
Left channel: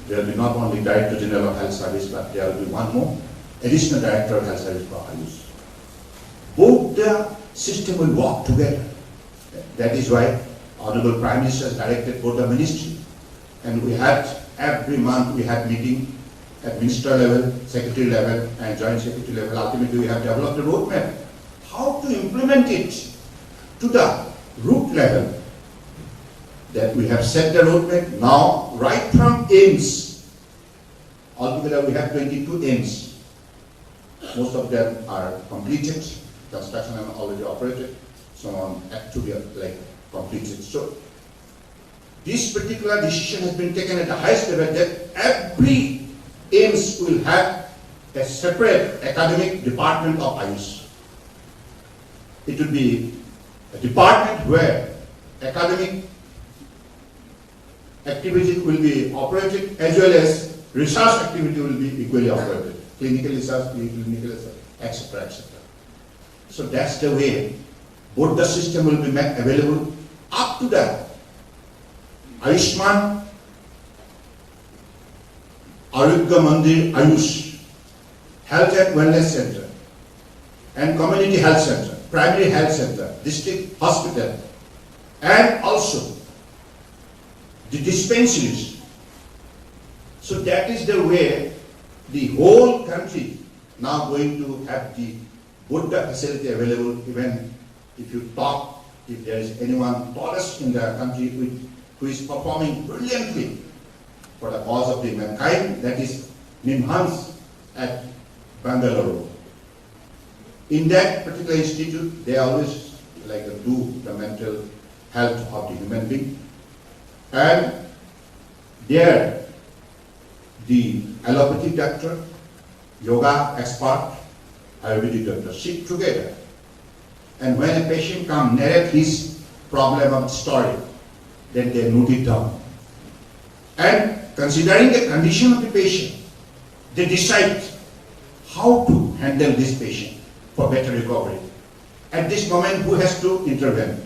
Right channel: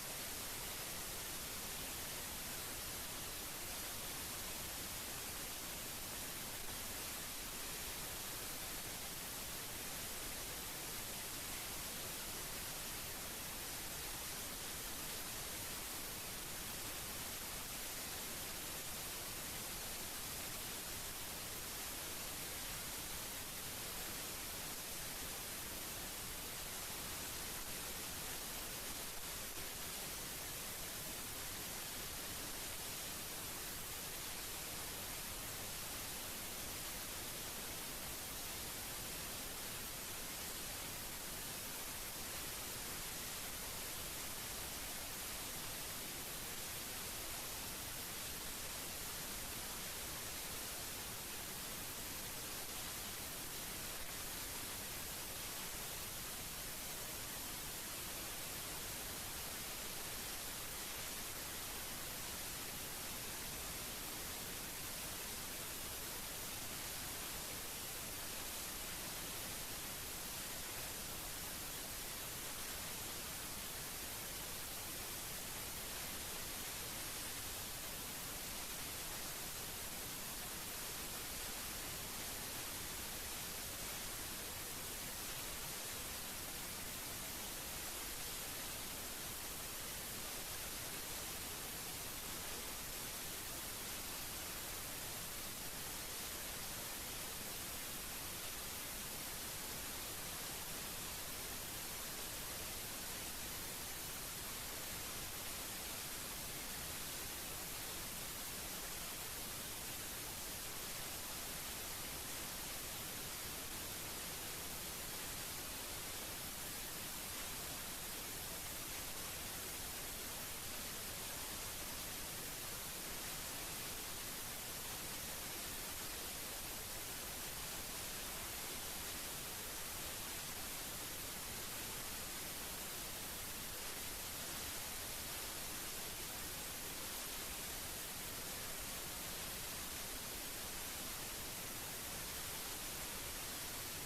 There will be not only Director General of Health Service, but there will be one more additional Director of Health Service for Ayush. Both the system will work together. That is why Honorable Prime Minister has directed both the ministry, and we had every month we had meeting at minister level, secretary level, and joint secretary level. Ultimately, we have developed a roadmap how to implement it to the root level. That we have set the roadmap now, right from aims. Altogether, we have 22 aims. Most of them are completed. Construction are already operated. Some on to be completed. So this particular decision has been taken at the highest level that every aims will have a separate academic department of Ayush. It will be a department where academic activity will be operated as well as research activity will be equally operated. Clinical research, clinical research, etc., etc. So that's the way both the system will be made available up to the Ayushman, Arogya Mandir Ayush, Health and Wellness Center, and Community Health Center, Primary Health Center, District Hospital, and also the dispensaries. So that is the way the whole country now going to have the both the facility available. Even if you talk, if there is anyone tallest in the country who is performing brilliantly for the cause of the mankind, that is Nimhans at Bangalore. In that particular institute, they always do the mental health of the human being. And there, the allopathic doctor, yoga expert, Ayurvedic doctor sit together. And when a patient comes, narrate his problem of story, then they note it down. And considering the condition of the patient, they decide how to handle this patient for better recovery. At this moment, who has to intervene?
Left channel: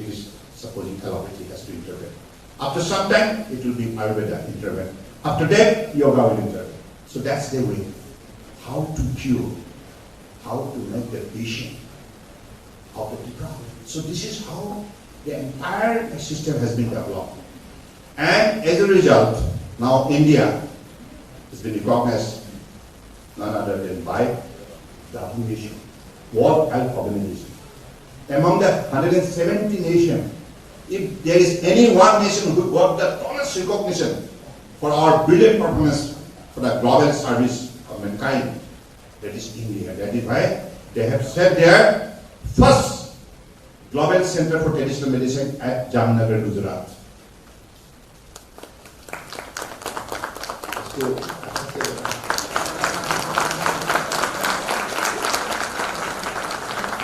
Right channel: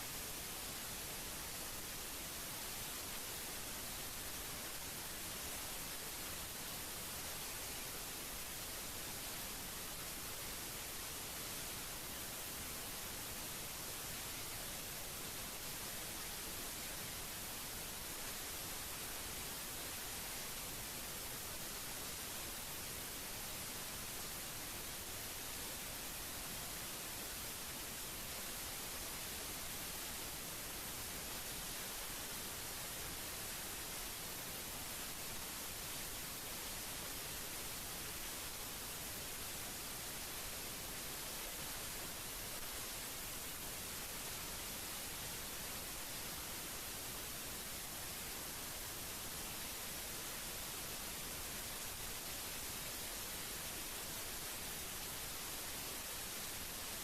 It is supposing allopathy has to intervene. After some time, it will be Ayurveda intervene. After that, yoga will intervene. So that's the way. How to cure, how to make the patient out of the problem. So this is how the entire system has been developed. And as a result, now India has been recognized none other than by WHO, World Health Organization. Among the 170 nations, if there is any one nation who got the tallest recognition for our brilliant performance for the global service of mankind, that is India. That is why they have set their first global center for traditional medicine at Jamnagar, Gujarat.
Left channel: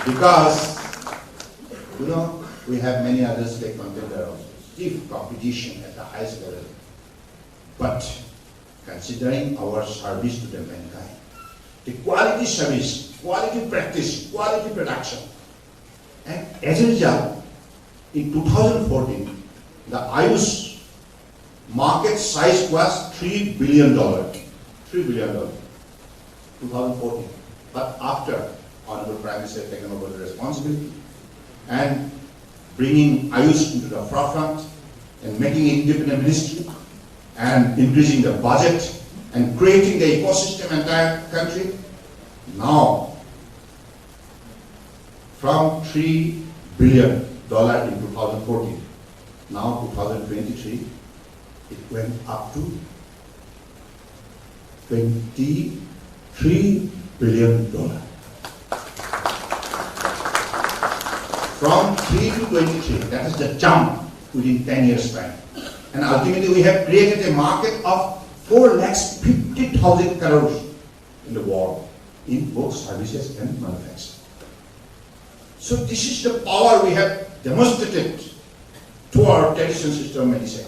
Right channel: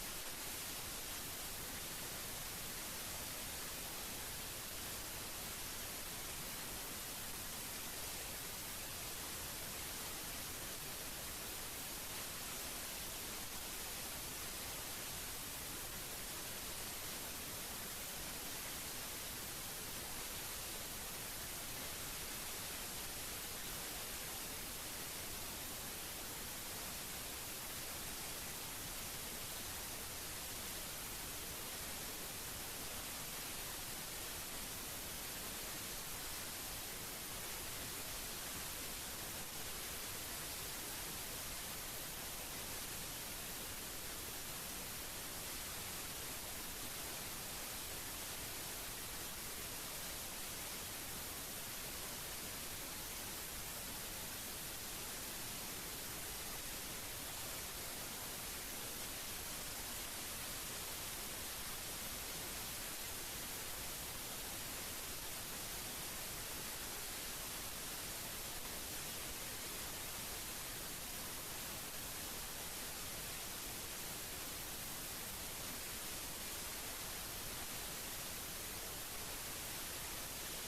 Because, we have many others like Manchester, stiff competition at the highest level. But considering our service to the mankind, the quality service, quality practice, quality production, and as a result, in 2014, the Ayush market size was $3 billion. $3 billion, 2014. But after Honorable Prime Minister has taken over the responsibility and bringing Ayush into the forefront and making it independent ministry and increasing the budget and creating the ecosystem in the entire country, now from $3 billion in 2014, now 2023, it went up to $23 billion. From 3 to 23, that is the jump within 10 years time. And ultimately we have created a market of 4,50,000 crores in the world in both services and manufacturing. So this is the power we have demonstrated to our traditional system of medicine.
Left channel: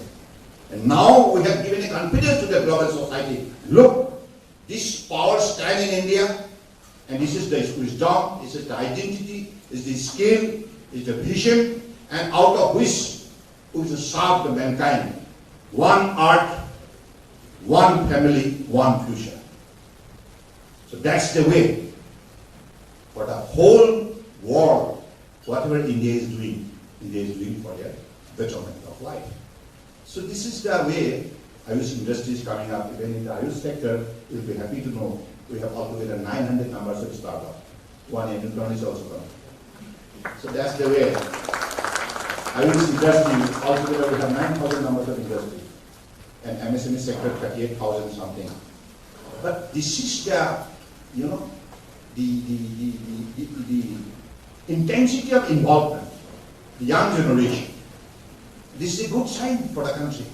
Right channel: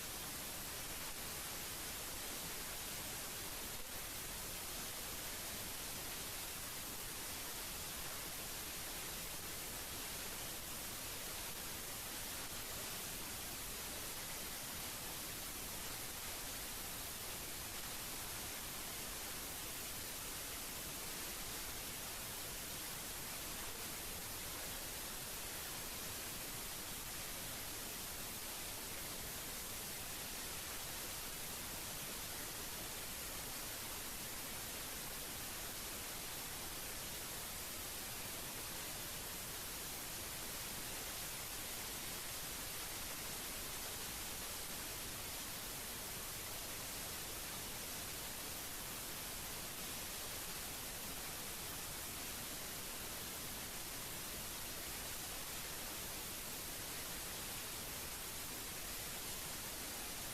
And now we have given a confidence to the global society. Look, this power stands in India, and this is the wisdom, this is the identity, this is the skill, this is the vision, and out of which we will serve the mankind. One earth, one family, one future. So that's the way for the whole world, whatever India is doing for their betterment of life. So this is the way Ayush industry is coming up. Even in the Ayush sector, we'll be happy to know we have altogether 900 numbers of startup. One unicorn is also coming. So that's the way. Ayush industry, altogether we have 9,000 numbers of industry. And MSME sector 38,000 something. But this is the, the intensity of involvement, the young generation. This is a good sign for the country.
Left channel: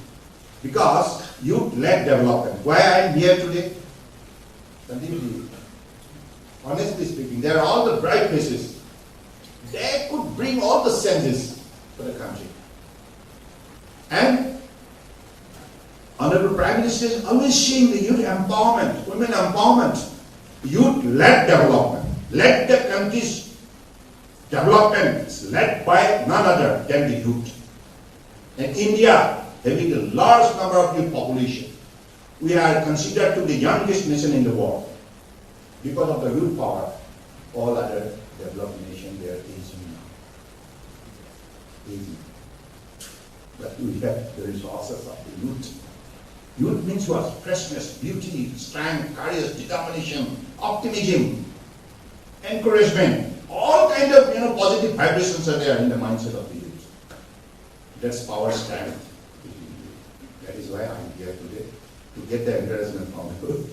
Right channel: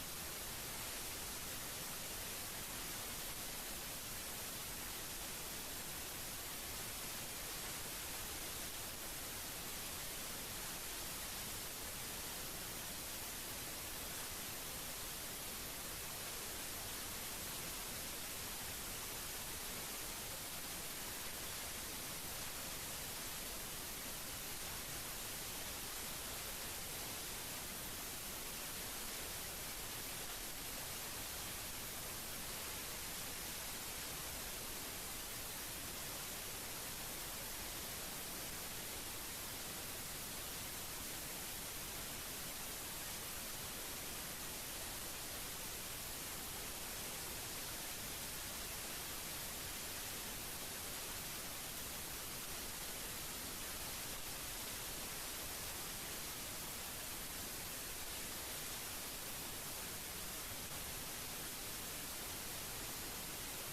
Because youth-led development. Why I am here today? Honestly speaking, they are all the bright faces. They could bring all the senses to the country. And Honorable Prime Minister is always seeing the youth empowerment, women empowerment, youth-led development. Let the country's development is led by none other than the youth. And India, having a large number of youth population, we are considered to be the youngest nation in the world. Because of the youth power, all other developed nations, they are aging. But we have the resources of the youth. Youth means what? Freshness, beauty, strength, courage, determination, optimism, encouragement. All kind of positive vibrations are there in the mindset of the youth. That's power strength. That is why I am here today, to get the encouragement from the youth.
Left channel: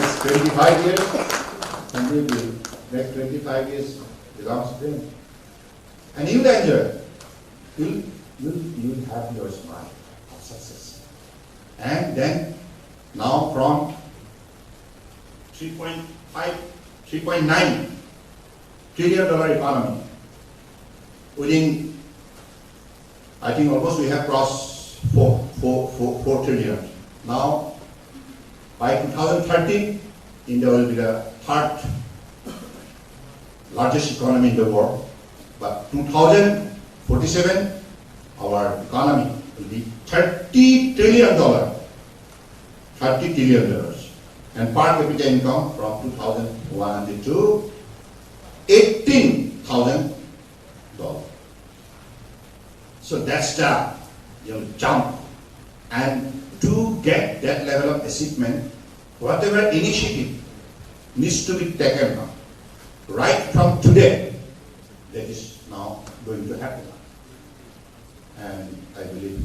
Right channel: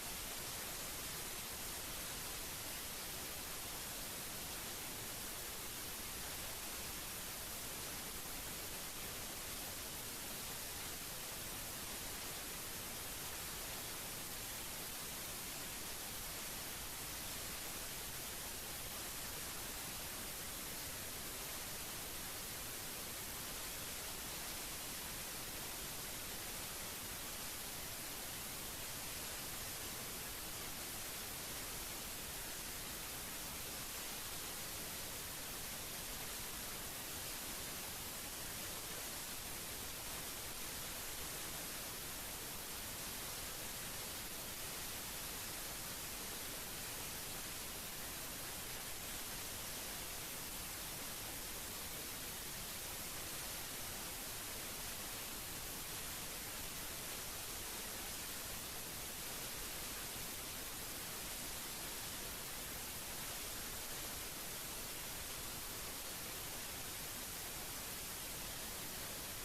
Next 25 years, completely. Next 25 years belongs to them. And you'll enjoy. You'll have your smile of success. And then, now from 3.9 trillion dollar economy, within, I think almost we have crossed 4 trillion. Now, by 2030, India will be the third largest economy in the world. But 2030, 47, our economy will be $30 trillion. $30 trillion. And per capita income from 2,100 to $18,000. So that's the jump. And to get that level of achievement, whatever initiative needs to be taken now, right from today, that is now going to happen. And I believe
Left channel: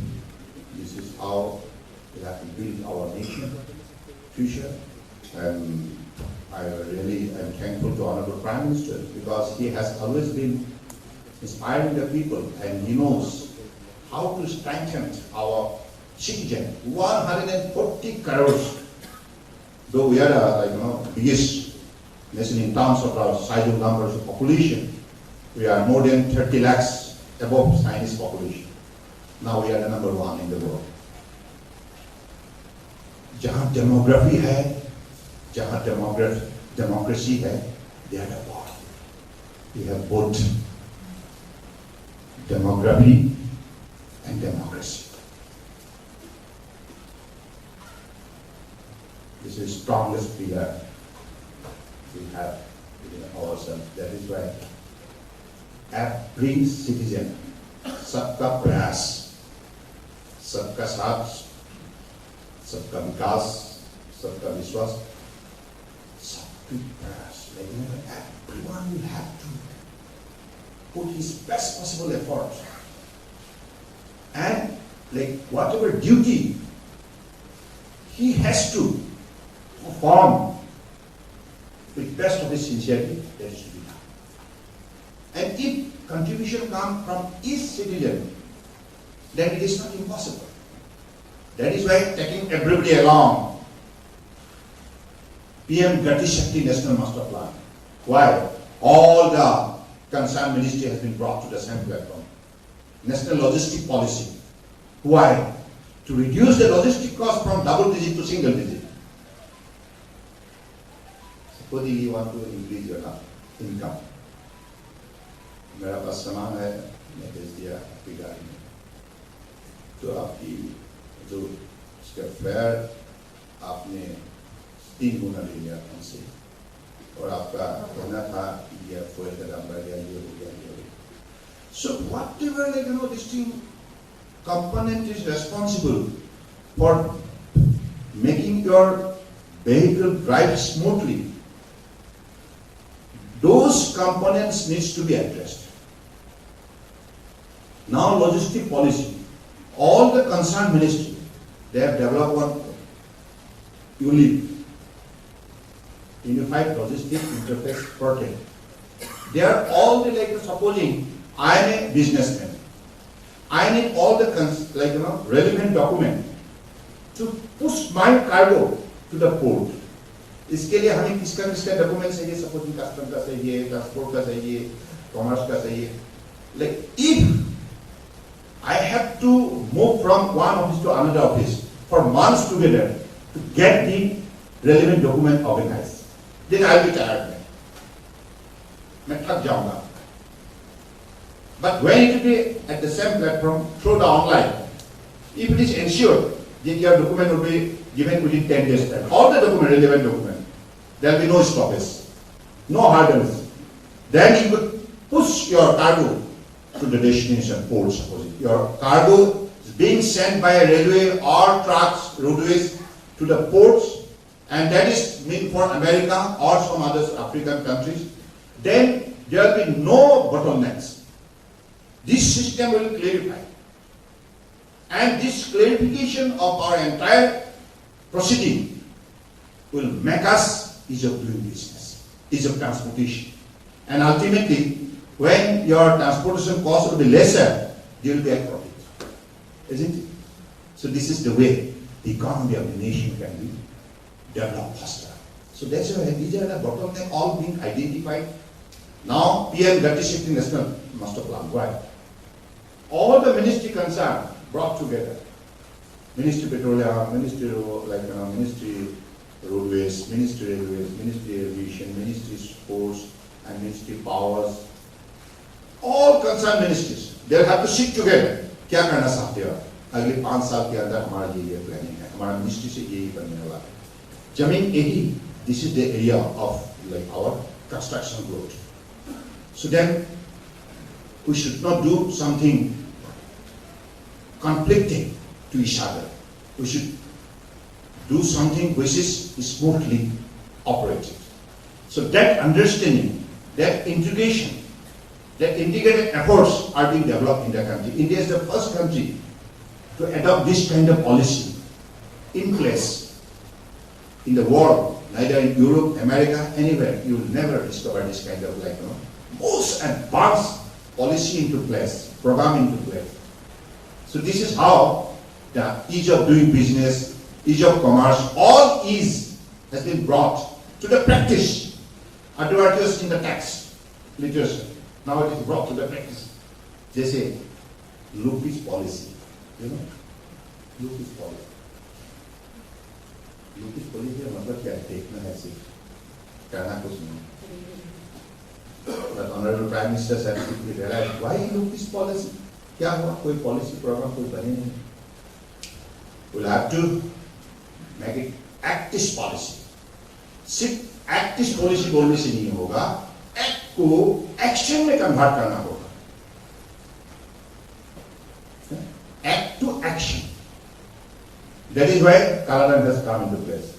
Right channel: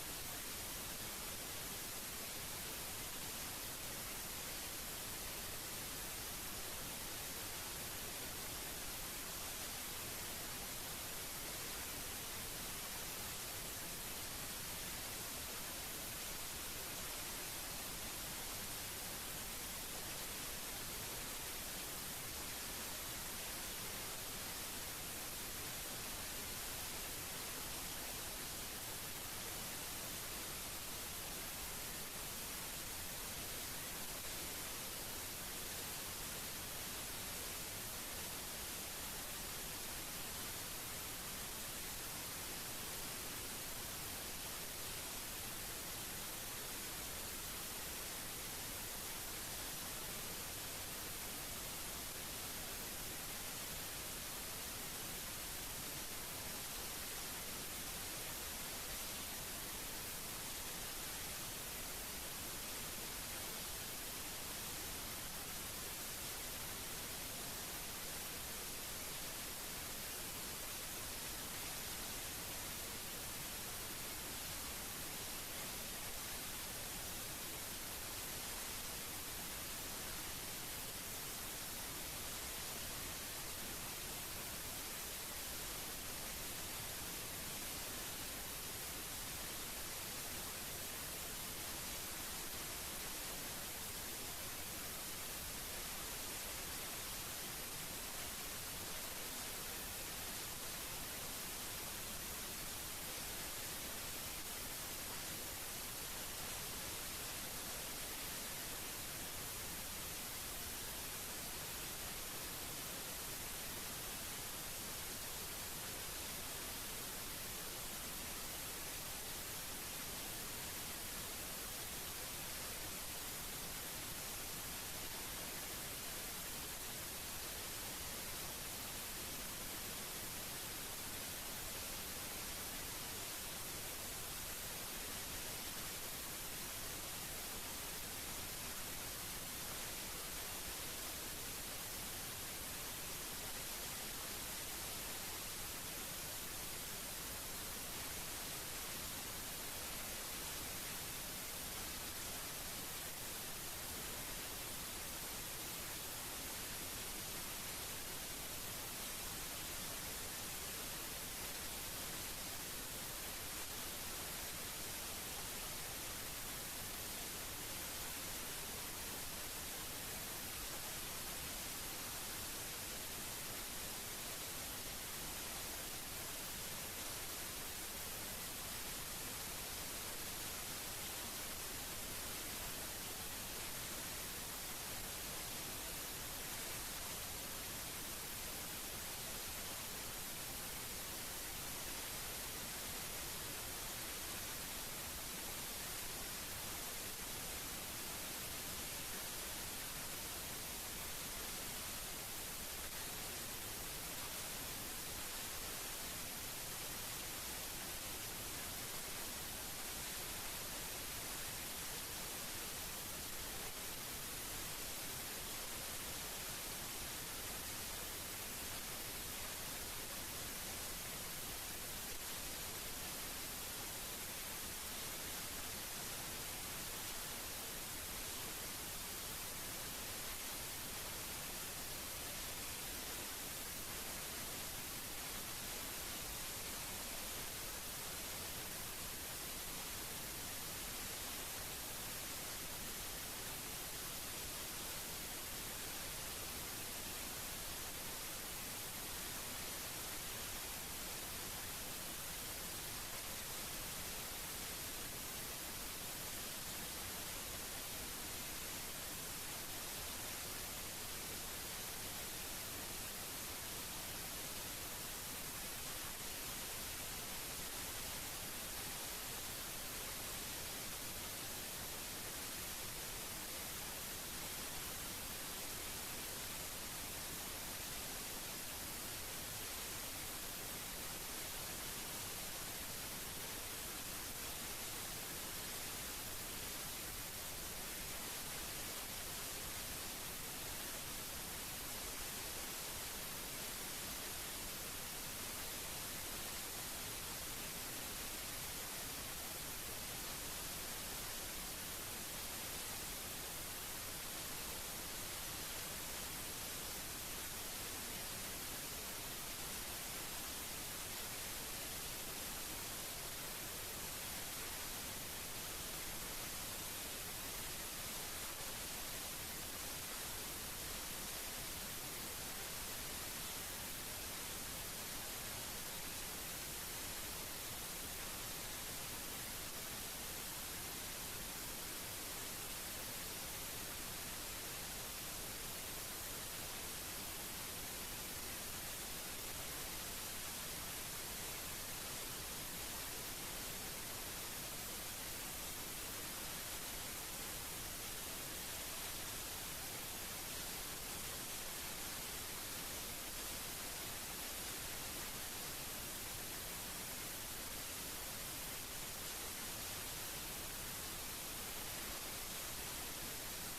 this is how we have to build our nation future. And I really am thankful to Honorable Prime Minister because he has always been inspiring the people and he knows how to strengthen our citizen. 140 crores. Though we are biggest nation in terms of our size of numbers of population, we are more than 30 lakhs above Chinese population. Now we are the number one in the world. जहाँ demography है, जहाँ democracy है, they are the boss. We have both demography and democracy. This is the strongest pillar we have in ourselves. That is why every citizen, सबका प्रयास, सबका साथ, सबका विकास, सबका विश्वास, सबकी प्रयास. Everyone will have to put his best possible effort. And whatever duty he has to perform with best of his sincerity, that should be done. And if contribution comes from each citizen, then it is not impossible. That is why taking everybody along, PM Gati Shakti National Master Plan. Why? All the concerned ministry has been brought to the same platform. National Logistic Policy. Why? To reduce the logistic cost from double digit to single digit. Supposing you want to increase your income. मेरा पास सामान है, मैं भेज दिया आपकी गाड़ी में, तो आपकी जो उसका फेयर आपने 3 गुना ले लिया हमसे, और आपका होना था ये कोई तरह बढ़ गया ये हो गया. So whatever this component is responsible for making your vehicle drive smoothly, those components needs to be addressed. Now logistic policy, all the concerned ministry, they have developed one unified logistic interface portal. They are all supposing I am a businessman. I need all the relevant document to push my cargo to the port. इसके लिए हमें किसका document चाहिए, supposing custom का चाहिए, transport का चाहिए, commerce का चाहिए. If I have to move from one office to another office for months together to get the relevant document organized, then I will be tired. मैं थक जाऊंगा. But when it will be at the same platform through the online, if it is ensured that your document will be given within 10 days time, all the relevant document, there will be no stoppage, no hurdles. Then you could push your cargo to the destination port. Suppose your cargo is being sent by a railway or trucks, roadways to the ports, and that is meant for America or some other African countries. Then there will be no bottlenecks. This system will clarify. And this clarification of our entire proceeding will make us ease of doing business, ease of transportation. And ultimately, when your transportation cost will be lesser, you will get profit. Isn't it? So this is the way the economy of the nation can be developed faster. So that's why these are the bottlenecks all being identified. Now, PM Gati Shakti National Master Plan. Why? All the ministry concerned brought together. Ministry Petroleum, Ministry Ministry Roadways, Ministry Railways, Ministry Aviation, Ministry Sports, and Ministry Powers. All concerned ministries they'll have to sit together. क्या करना चाहते हो? अगले 5 साल के अंदर हमारा ये प्लानिंग है, हमारा मिनिस्ट्री से यही बनने वाला है. जमीन यही, this is the area of like our construction growth. So then we should not do something conflicting to each other. We should do something which is smoothly operated. So that understanding, that integration, that integrated efforts are being developed in the country. India is the first country to adopt this kind of policy in place in the world. Neither in Europe, America, anywhere, you will never discover this kind of most advanced policy into place, program into place. So this is how the ease of doing business, ease of commerce, all ease has been brought to the practice, advertised in the text, literature. Now it is brought to the practice. They say, look this policy, look this policy. Look this policy का मतलब क्या है? देखना है सिर्फ, करना कुछ नहीं. But Honorable Prime Minister said, why look this policy? क्या हुआ? कोई policy program कोई बने नहीं. We'll have to make it act this policy. सिर्फ act this policy बोलने से नहीं होगा, act को action में convert करना होगा. Act to action. That is why Kaladam has come into place.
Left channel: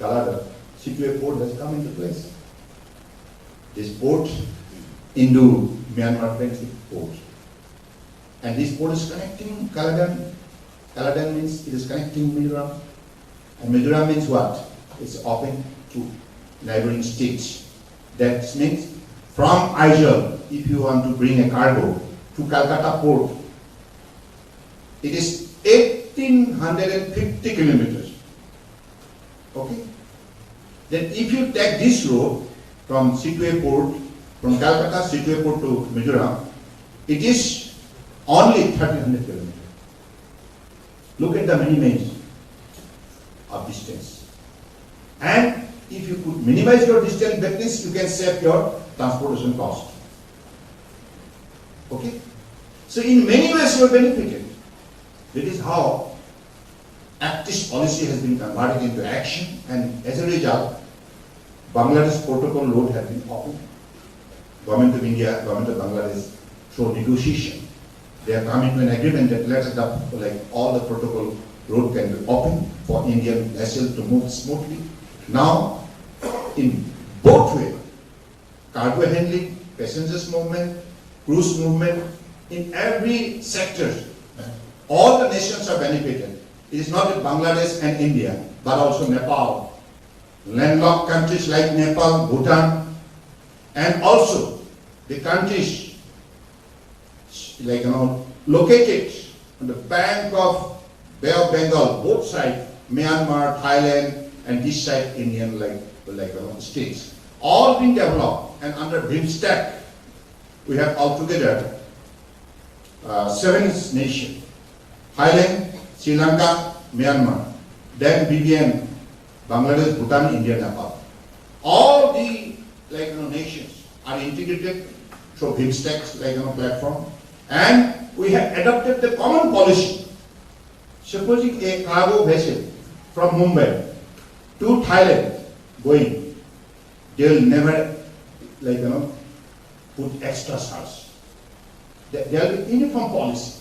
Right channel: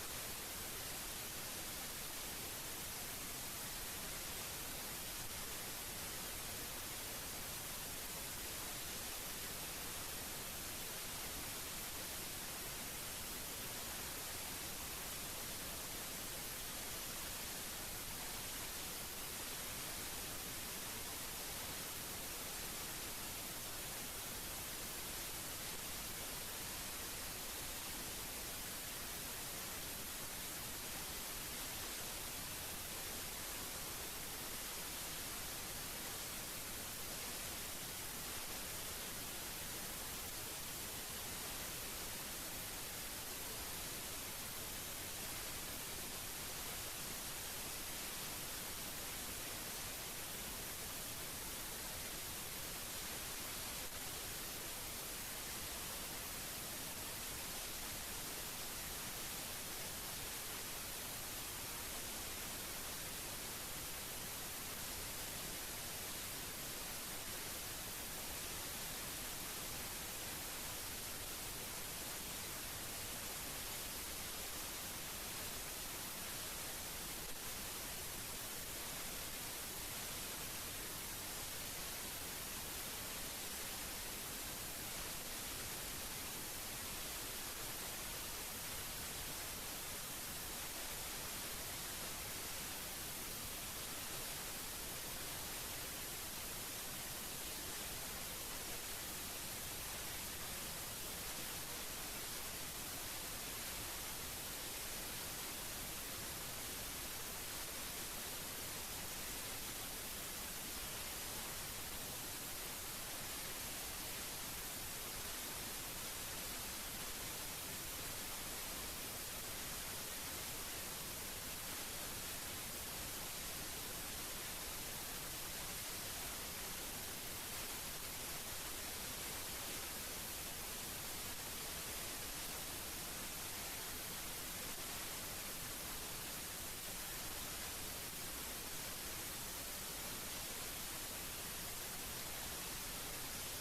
Kaladam, Situate port has come into place. This port, Indo-Myanmar Friendship Port. And this port is connecting Kaladam. Kaladam means it is connecting Mizoram. And Mizoram means what? It's open to neighboring states. That means from Aizawl, if you want to bring a cargo to Calcutta port, it is 1,850 kilometers. Okay? Then if you take this road from Situate port, from Calcutta, Situate port to Mizoram, it is only 1,300 kilometers. Look at the minimums of distance. And if you could minimize your distance, that means you can save your transportation cost. Okay? So in many ways you are benefited. That is how Actist policy has been converted into action, and as a result, Bangladesh protocol road has been opened. Government of India, Government of Bangladesh, through negotiation, they have come into an agreement that lets all the protocol road can be open for Indian vessels to move smoothly. Now, in both ways, cargo handling, passengers movement, cruise movement, in every sector, all the nations are benefited. It is not Bangladesh and India, but also Nepal, landlocked countries like Nepal, Bhutan, and also the countries located on the bank of Bay of Bengal, both sides, Myanmar, Thailand, and this side Indian states, all being developed, and under BIMSTEC, we have altogether 7 nations: Thailand, Sri Lanka, Myanmar, then BBN, Bangladesh, Bhutan, India, Nepal. All the nations are integrated through BIMSTEC platform, and we have adopted the common policy. Supposing a cargo vessel from Mumbai to Thailand going, they will never put extra charge. There will be uniform policy.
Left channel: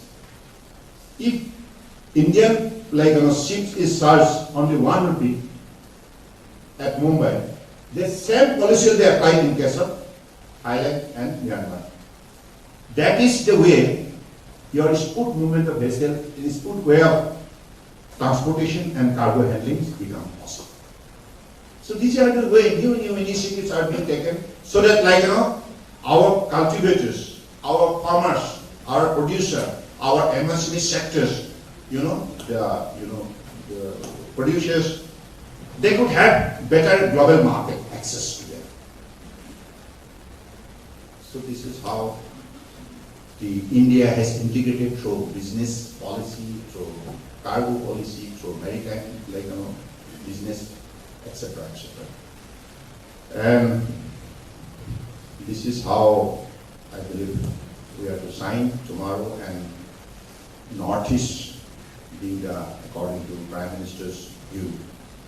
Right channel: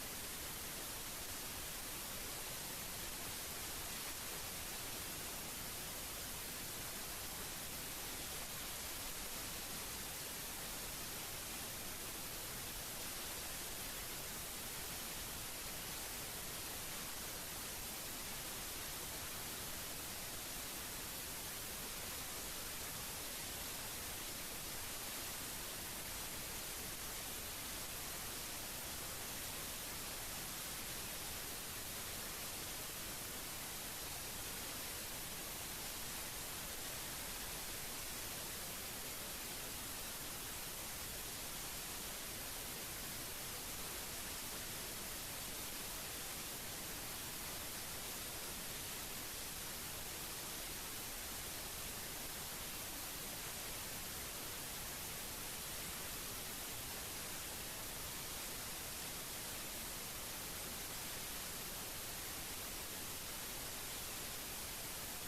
If Indian ships is charged only 1 rupee at Mumbai, the same policy will be applied in case of Thailand and Myanmar. That is the way your smooth movement of vessel, in smooth way of transportation and cargo handling become possible. So these are the way new initiatives are being taken, so that our cultivators, our farmers, our producer, our MSME sectors, the producers, they could have better global market access to them. So this is how the India has integrated through business policy, through cargo policy, through maritime, business, etc., etc. And this is how I believe we are to sign tomorrow, and Northeast being according to Prime Minister's view,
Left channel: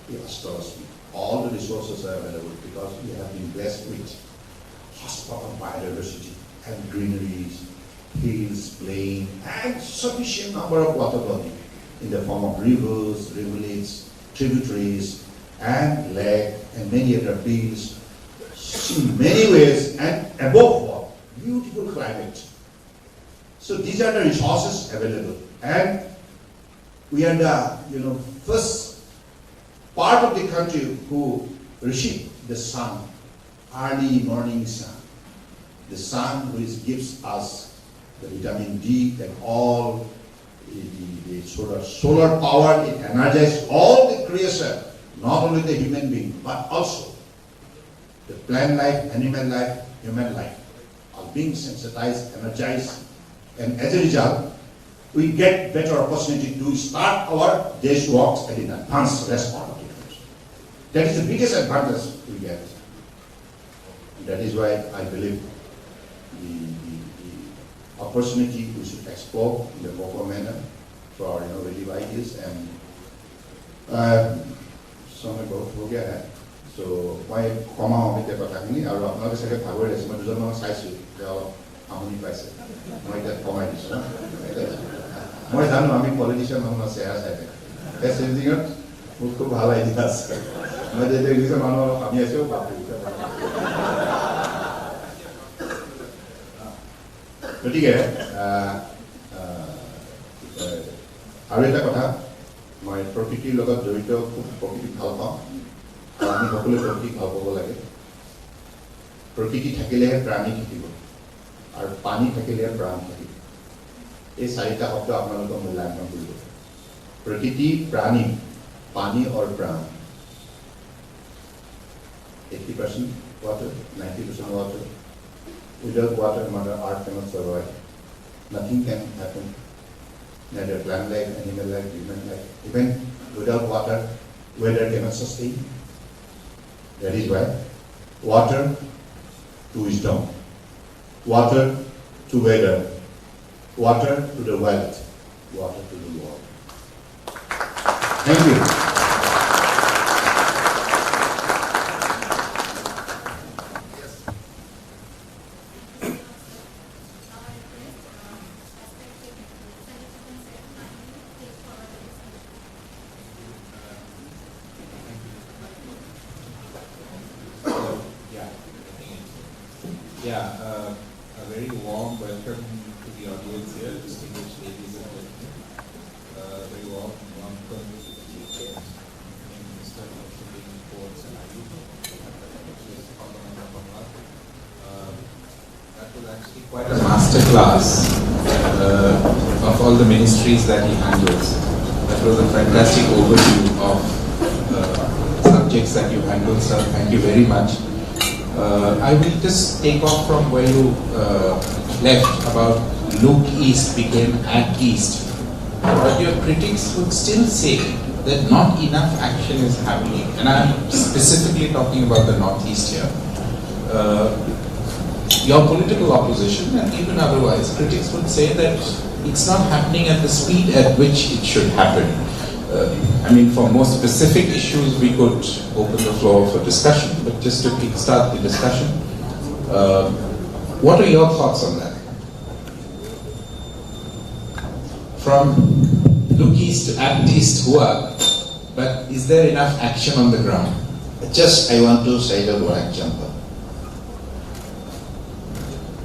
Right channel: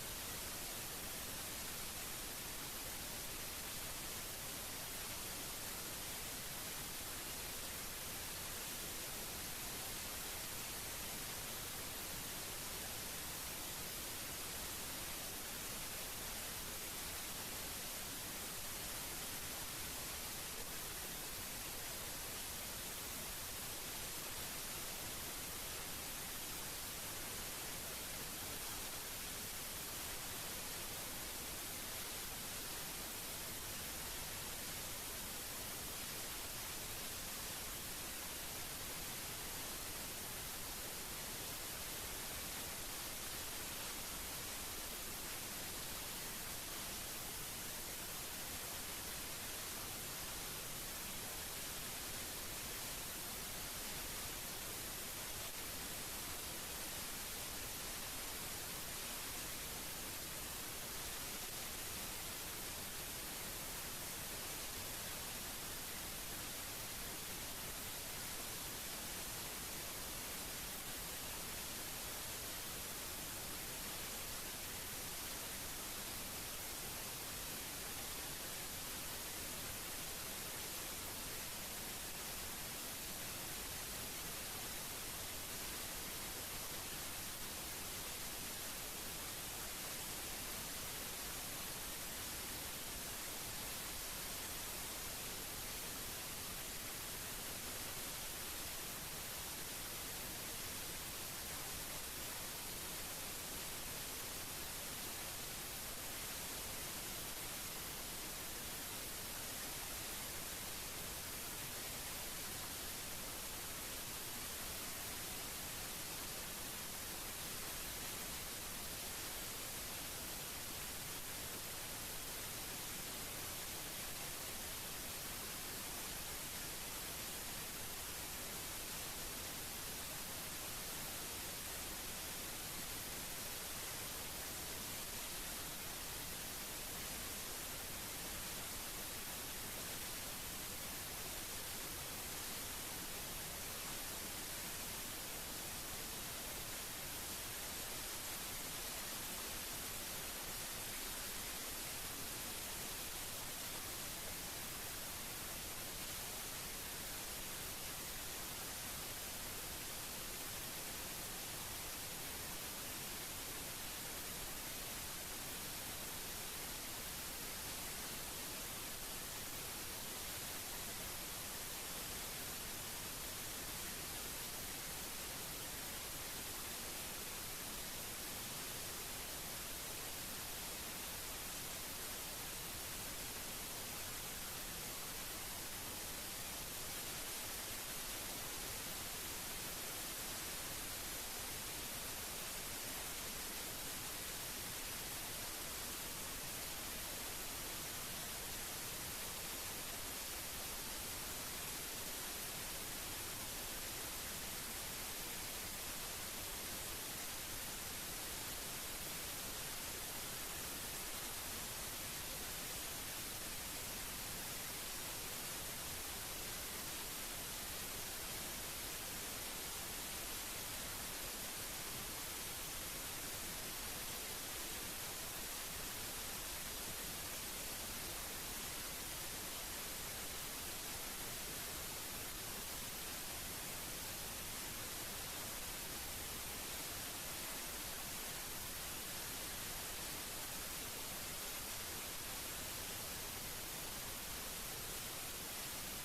he assures me all the resources are available because we have been blessed with hotspot of biodiversity and greeneries, hills, plain, and sufficient number of water bodies in the form of rivers, rivulets, tributaries, and lake, and many other fields. In many ways, and above all, beautiful climate. So these are the resources available, and we are the first part of the country who receive the sun, early morning sun, the sun which gives us the vitamin D and all the solar power. It energizes all the creation, not only the human being but also the plant life, animal life, human life are being sensitized, energized, and as a result, we get better opportunity to start our day's works at an advanced response. That is the biggest advantage we get. And that is why I believe the opportunity we should explore in the proper manner for our innovative ideas. And समय बहुत हो गया है, so मैं कमा हो गया पता नहीं और अपना तो सके भागवत है, मैं दूसरा ना साइज जाओ आमुनी पैसे, मैं इधर कमा दिस ना, मैं जानो आमी पॉलिटिशियन हम ना शेयर है, ऐसे इंजीनियर मुझको भाला इतिहास, मैं जैसे इंजीनियर मानो आमी ऐसे हो बात तो ठीक है, आगे तक कथा मैं प्रकृति लोगों जोड़ित प्रकृति ভাল পাওঁ আৰু আমি সকলোৱে প্ৰকৃতিক ভাল পাব লাগে প্ৰকৃতি থাকিলেহে প্ৰাণী থাকিব আৰু পানী থাকিলেহে প্ৰাণ থাকিব এই চাৰিটা শব্দ আপোনালোকৰ মূল্যায়ন কৰিব প্ৰকৃতি প্ৰাণী পানী আৰু প্ৰাণ 80% water 90% water without water mother earth cannot survive nothing can happen neither plant life, animal life, human life. Even without water, weather cannot sustain. That is why water to wisdom, water to weather, water to the wealth, water to the world. Thank you. A very warm welcome to the audience here, distinguished ladies and gentlemen. Very warm welcome to the Minister of Civil Ports and IT, that was actually quite a master class of all the ministries that he handles. That was a fantastic overview of subjects that you handle, sir. Thank you very much. I will just take off from where you left about look east became act east. But your critics would still say that not enough action is happening. And I'm specifically talking about the Northeast here. Your political opposition and even otherwise, critics would say that it's not happening at the speed at which it should happen. I mean, for more specific issues, we could open the floor for discussion, but just to kickstart the discussion, what are your thoughts on that? From look east to act east, but is there enough action on the ground? Just I want to say the one example.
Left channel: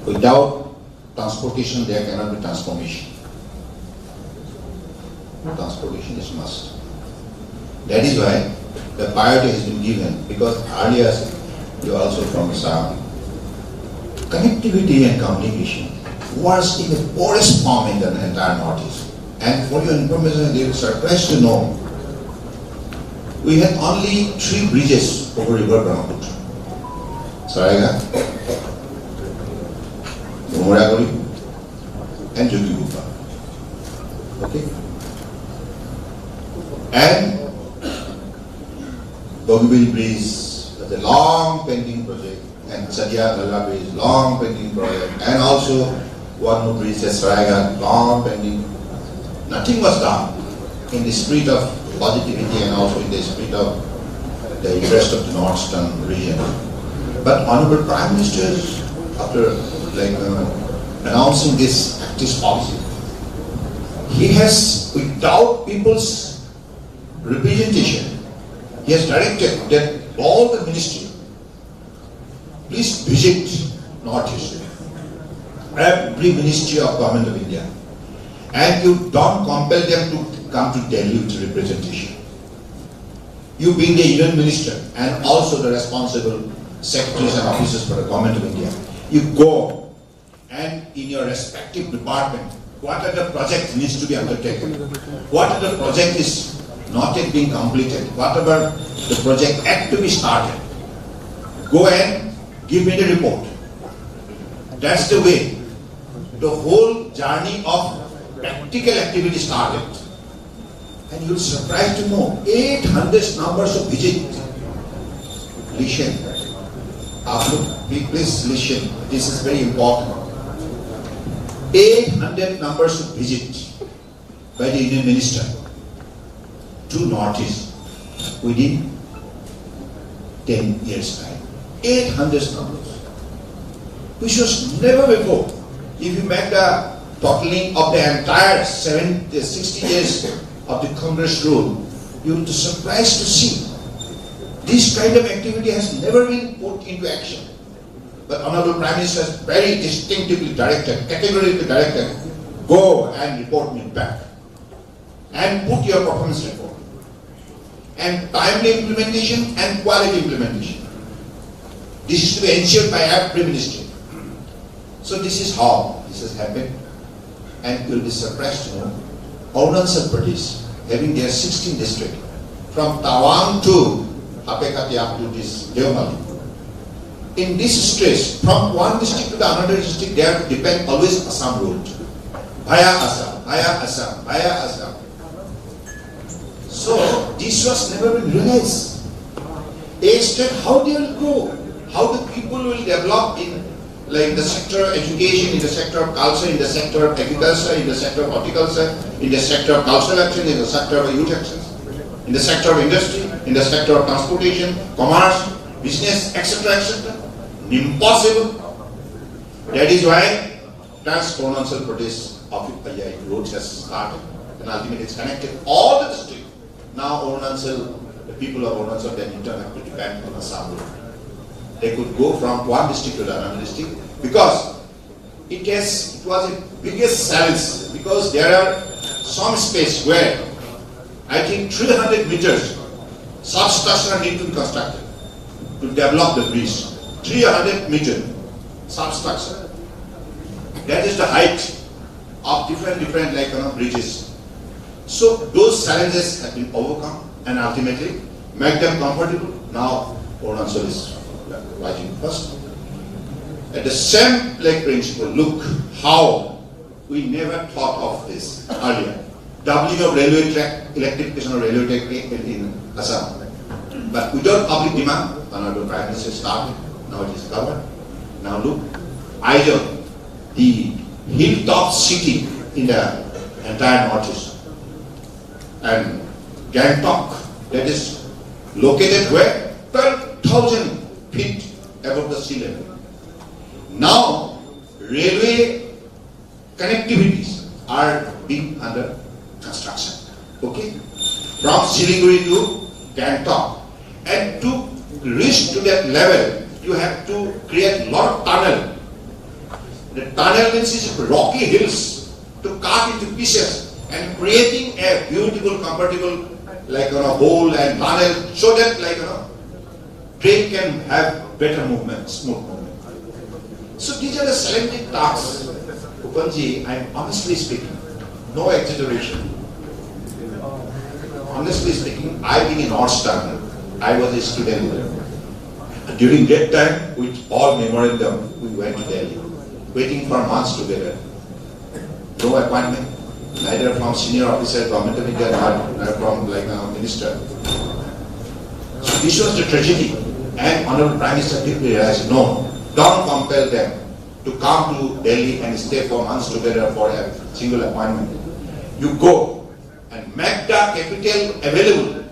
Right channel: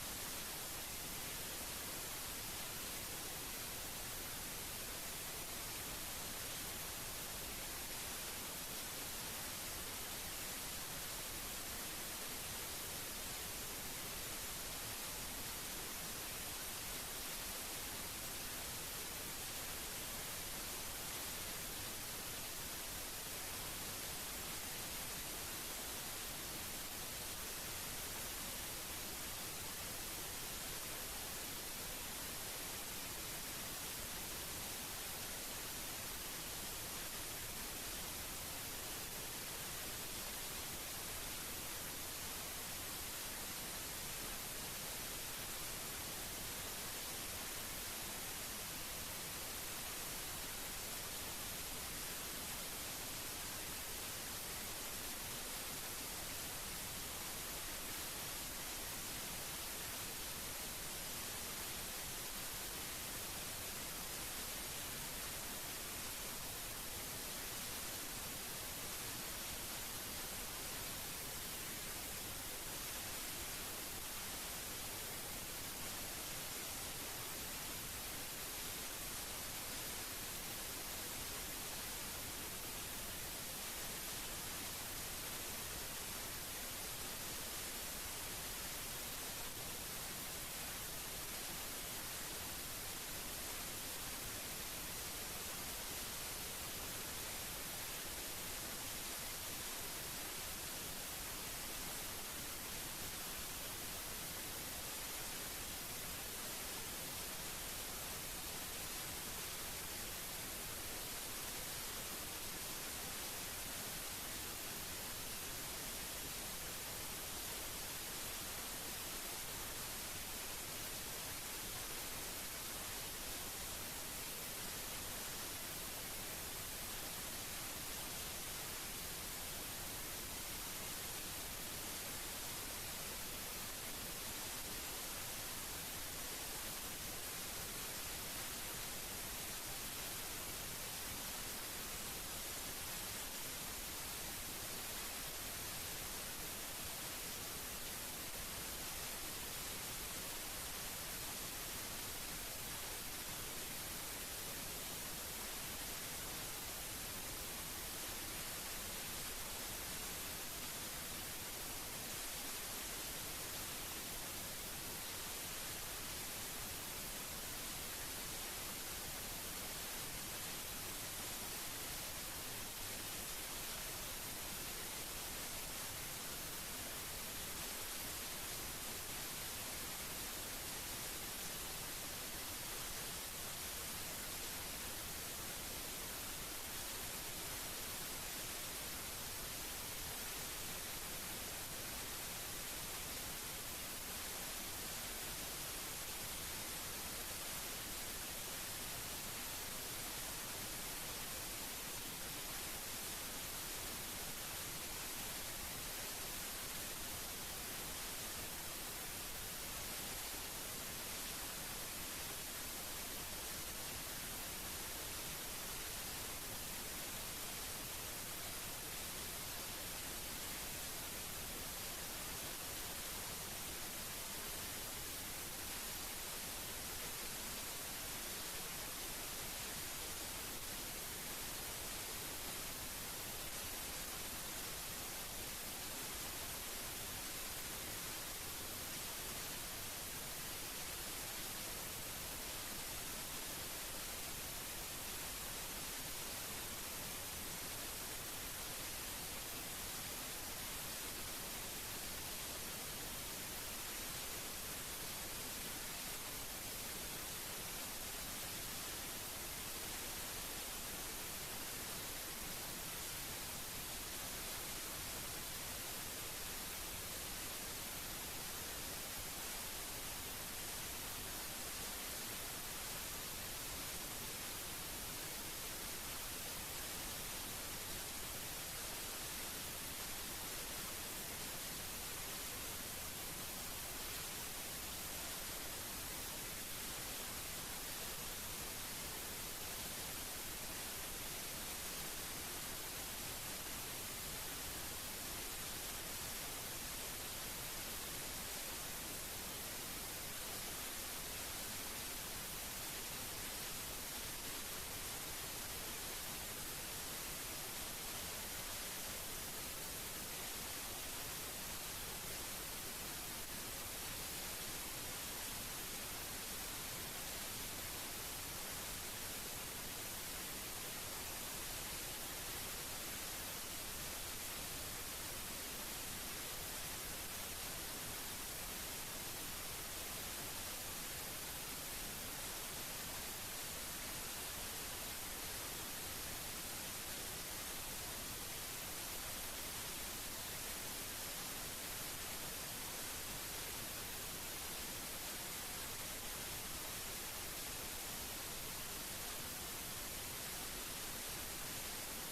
Without transportation, there cannot be transformation. Transportation is must. That is why the priority has been given, because earlier you are also from South. Connectivity and communication was in the poorest form in the entire Northeast. And for your information, they will surprised to know we had only 3 bridges over River Brahmaputra. Saraga, Muragori, and Jogigupa. Okay? And Bogville Bridge, the long painting project, and Sadia Nalla Bridge, long painting project, and also one would reach a Saraiga, long pending. Nothing was done in the spirit of positivity and also in the spirit of the interest of the northeastern region. But Honorable Prime Minister, after announcing this active policy, he has, without people's representation, he has directed that all the ministry, please visit Northeast, every ministry of Government of India, and you don't compel them to come to Delhi with representation. You being the Union Minister and also the responsible secretaries and officers for the Government of India, you go and in your respective department, what are the projects needs to be undertaken, what are the project is not yet being completed, whatever the project act to be started, go and give me the report. That's the way the whole journey of practical activity started. And you'll surprised to know 800 numbers of visit. Listen. Please listen. This is very important. 800 numbers of visit by the Indian Minister to Northeast within 10 years' time. 800 numbers. Which was never before. If you make the totaling of the entire 60 years of the Congress rule, you will be surprised to see this kind of activity has never been put into action. But Honorable Prime Minister has very distinctively directed, categorically directed, go and report me back and put your performance report. And timely implementation and quality implementation. This is to be ensured by every ministry. So this is how this has happened. And you will be surprised to know Arunachal Pradesh, having their 16 districts, from Tawang to Apekati up to this Devmali. In this stretch, from one district to the another district, they have to depend always Assam route. Via Assam, via Assam, via Assam. So this was never been realized. A state, how they will go, how the people will develop in the sector of education, in the sector of culture, in the sector of agriculture, in the sector of horticulture, in the sector of cultural action, in the sector of youth action, in the sector of industry, in the sector of transportation, commerce, business, etc., etc. Impossible. That is why Trans-Arunachal Pradesh road has started, and ultimately it's connected all the districts. Now Arunachal, the people of Arunachal, then in turn have to depend on Assam road. They could go from one district to another district because it was the biggest challenge, because there are some space where I think 300 meters substructure need to be constructed to develop the bridge. 300 meter substructure. That is the height of different bridges. So those challenges have been overcome and ultimately make them comfortable. Now Arunachal is writing first. At the same principle, look how we never thought of this earlier. Doubling of railway track, electrification of railway track in Assam. But without public demand, Honorable Prime Minister started. Now it is covered. Now look, Aizawl, the hilltop city in the entire Northeast, and Gangtok, that is located where? 12,000 feet above the sea level. Now, railway connectivities are being under construction. Okay? From Siliguri to Gangtok. And to reach to that level, you have to create a lot of tunnel. The tunnel means is rocky hills to cut into pieces and creating a beautiful, comfortable hole and tunnel so that train can have better movement, smooth movement. So these are the challenging tasks. Upanji, I am honestly speaking, no exaggeration. Honestly speaking, I being a Northeastern, I was a student. During that time, with all memorandum, we went to Delhi, waiting for months together. No appointment, neither from senior officer, Government of India, nor from minister. So this was the tragedy. And Honorable Prime Minister did realize, no, don't compel them. to come to Delhi and stay for months together for a single appointment. You go and make the capital available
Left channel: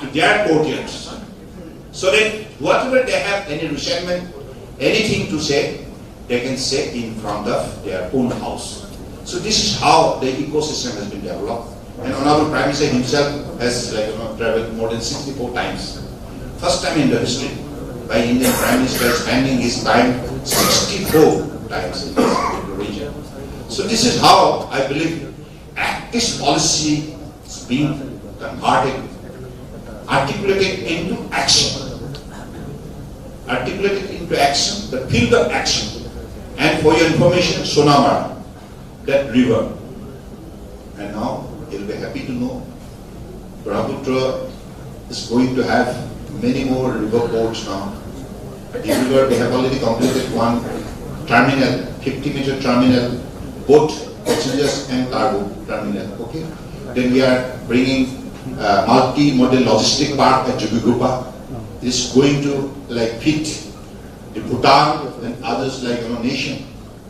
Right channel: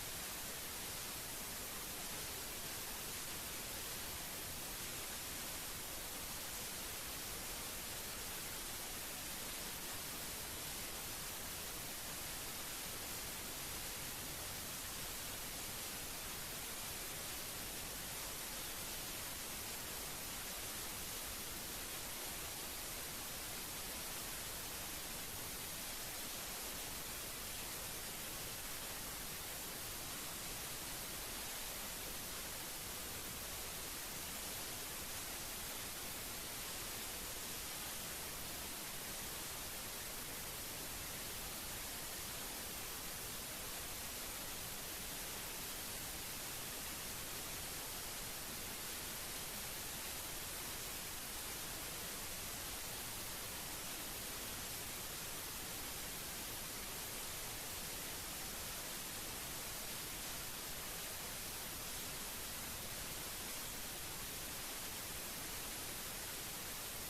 to their courtiers, so that whatever they have, any resentment, anything to say, they can say in front of their own house. So this is how the ecosystem has been developed. And Honorable Prime Minister himself has traveled more than 64 times. First time in the history by Indian Prime Minister spending his time 64 times in the region. So this is how I believe this policy is being converted, articulated into action. Articulated into action, the field of action. And for your information, Sonamar, that river. And now you'll be happy to know Brahmaputra is going to have many more river ports now. At the river, they have already completed one terminal, 50-meter terminal, both passengers and cargo terminal. Okay. Then we are bringing multi-modal logistic park at Jugigupa. Is going to fit the Bhutan and others nation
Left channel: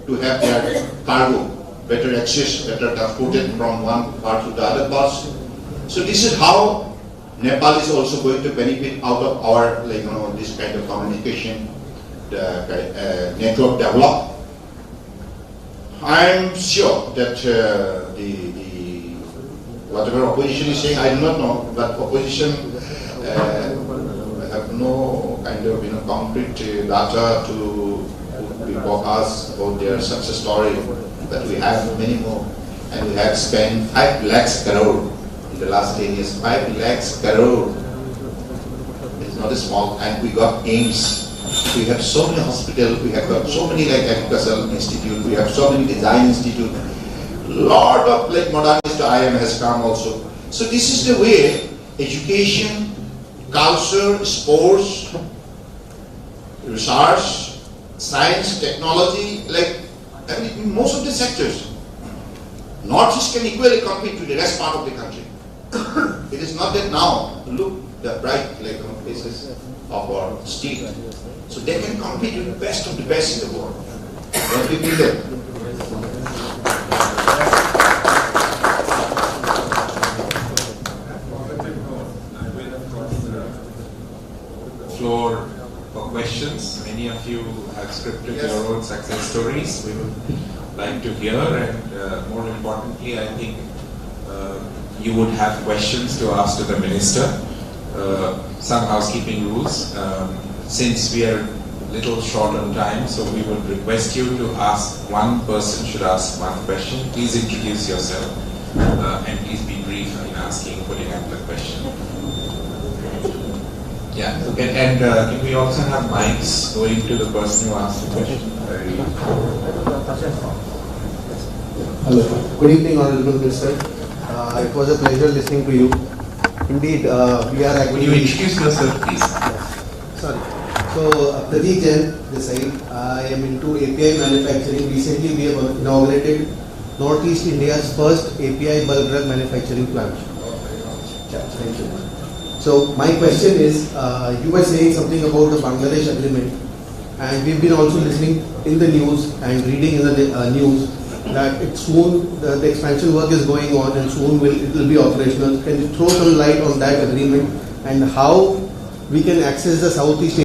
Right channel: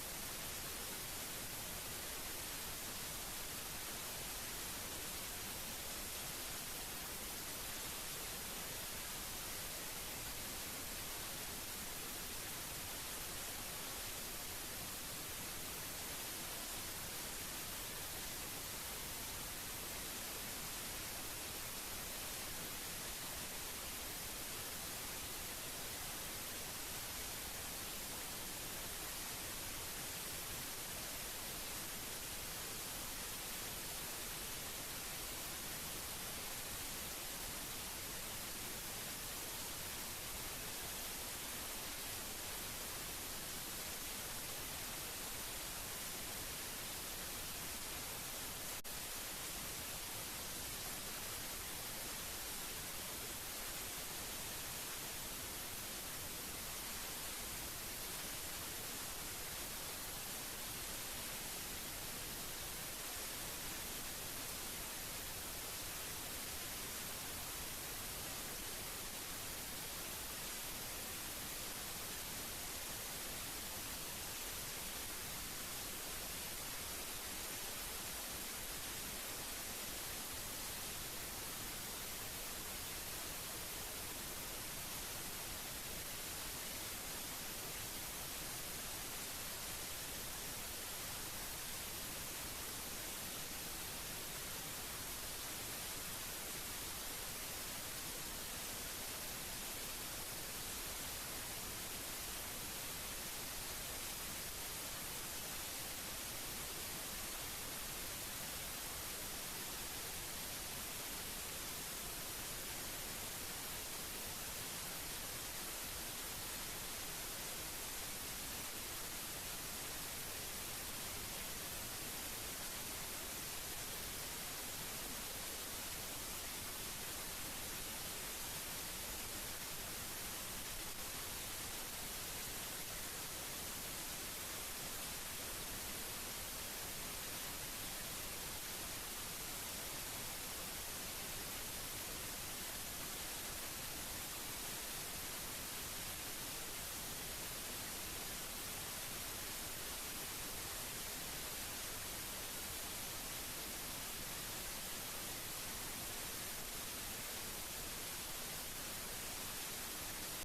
to have their cargo better access, better transported from one part to the other parts. So this is how Nepal is also going to benefit out of our this kind of communication network develop. I am sure that whatever opposition is saying, I do not know, but opposition have no kind of concrete data to report us about their success story, but we have many more, and we have spent 5 lakhs crore in the last 10 years. 5 lakhs crore. It's not a small, and we got aims. We have so many hospitals, we have got so many agricultural institute, we have so many design institute. Lot of modernist IM has come also. So this is the way education, culture, sports, research, science, technology, most of the sectors, Northeast can equally compete with the rest part of the country. It is not that now, look the bright places of our state. So they can compete with the best of the best in the world. Don't we feel that? Floor for questions. Many of you have scripted your own success stories. We would like to hear, and more importantly, I think you would have questions to ask to the Minister. Some housekeeping rules. Since we are a little short on time, so we would request you to ask, one person should ask one question. Please introduce yourself and please be brief in putting up the question. Yeah, okay. And can we also have mics going to the person who asked the question? Hello. Good evening, Honorable Minister. It was a pleasure listening to you. Indeed, we are actually... Would you introduce yourself, please? Sorry. So, Pradeep Jain, this side. I am into API manufacturing. Recently, we have inaugurated Northeast India's first API bulk drug manufacturing plant. Yeah, thank you. So, my question is, you were saying something about the Bangladesh agreement, and we've been also listening in the news and reading in the news that it soon the expansion work is going on and soon it will be operational. Can you throw some light on that agreement and how we can access the Southeast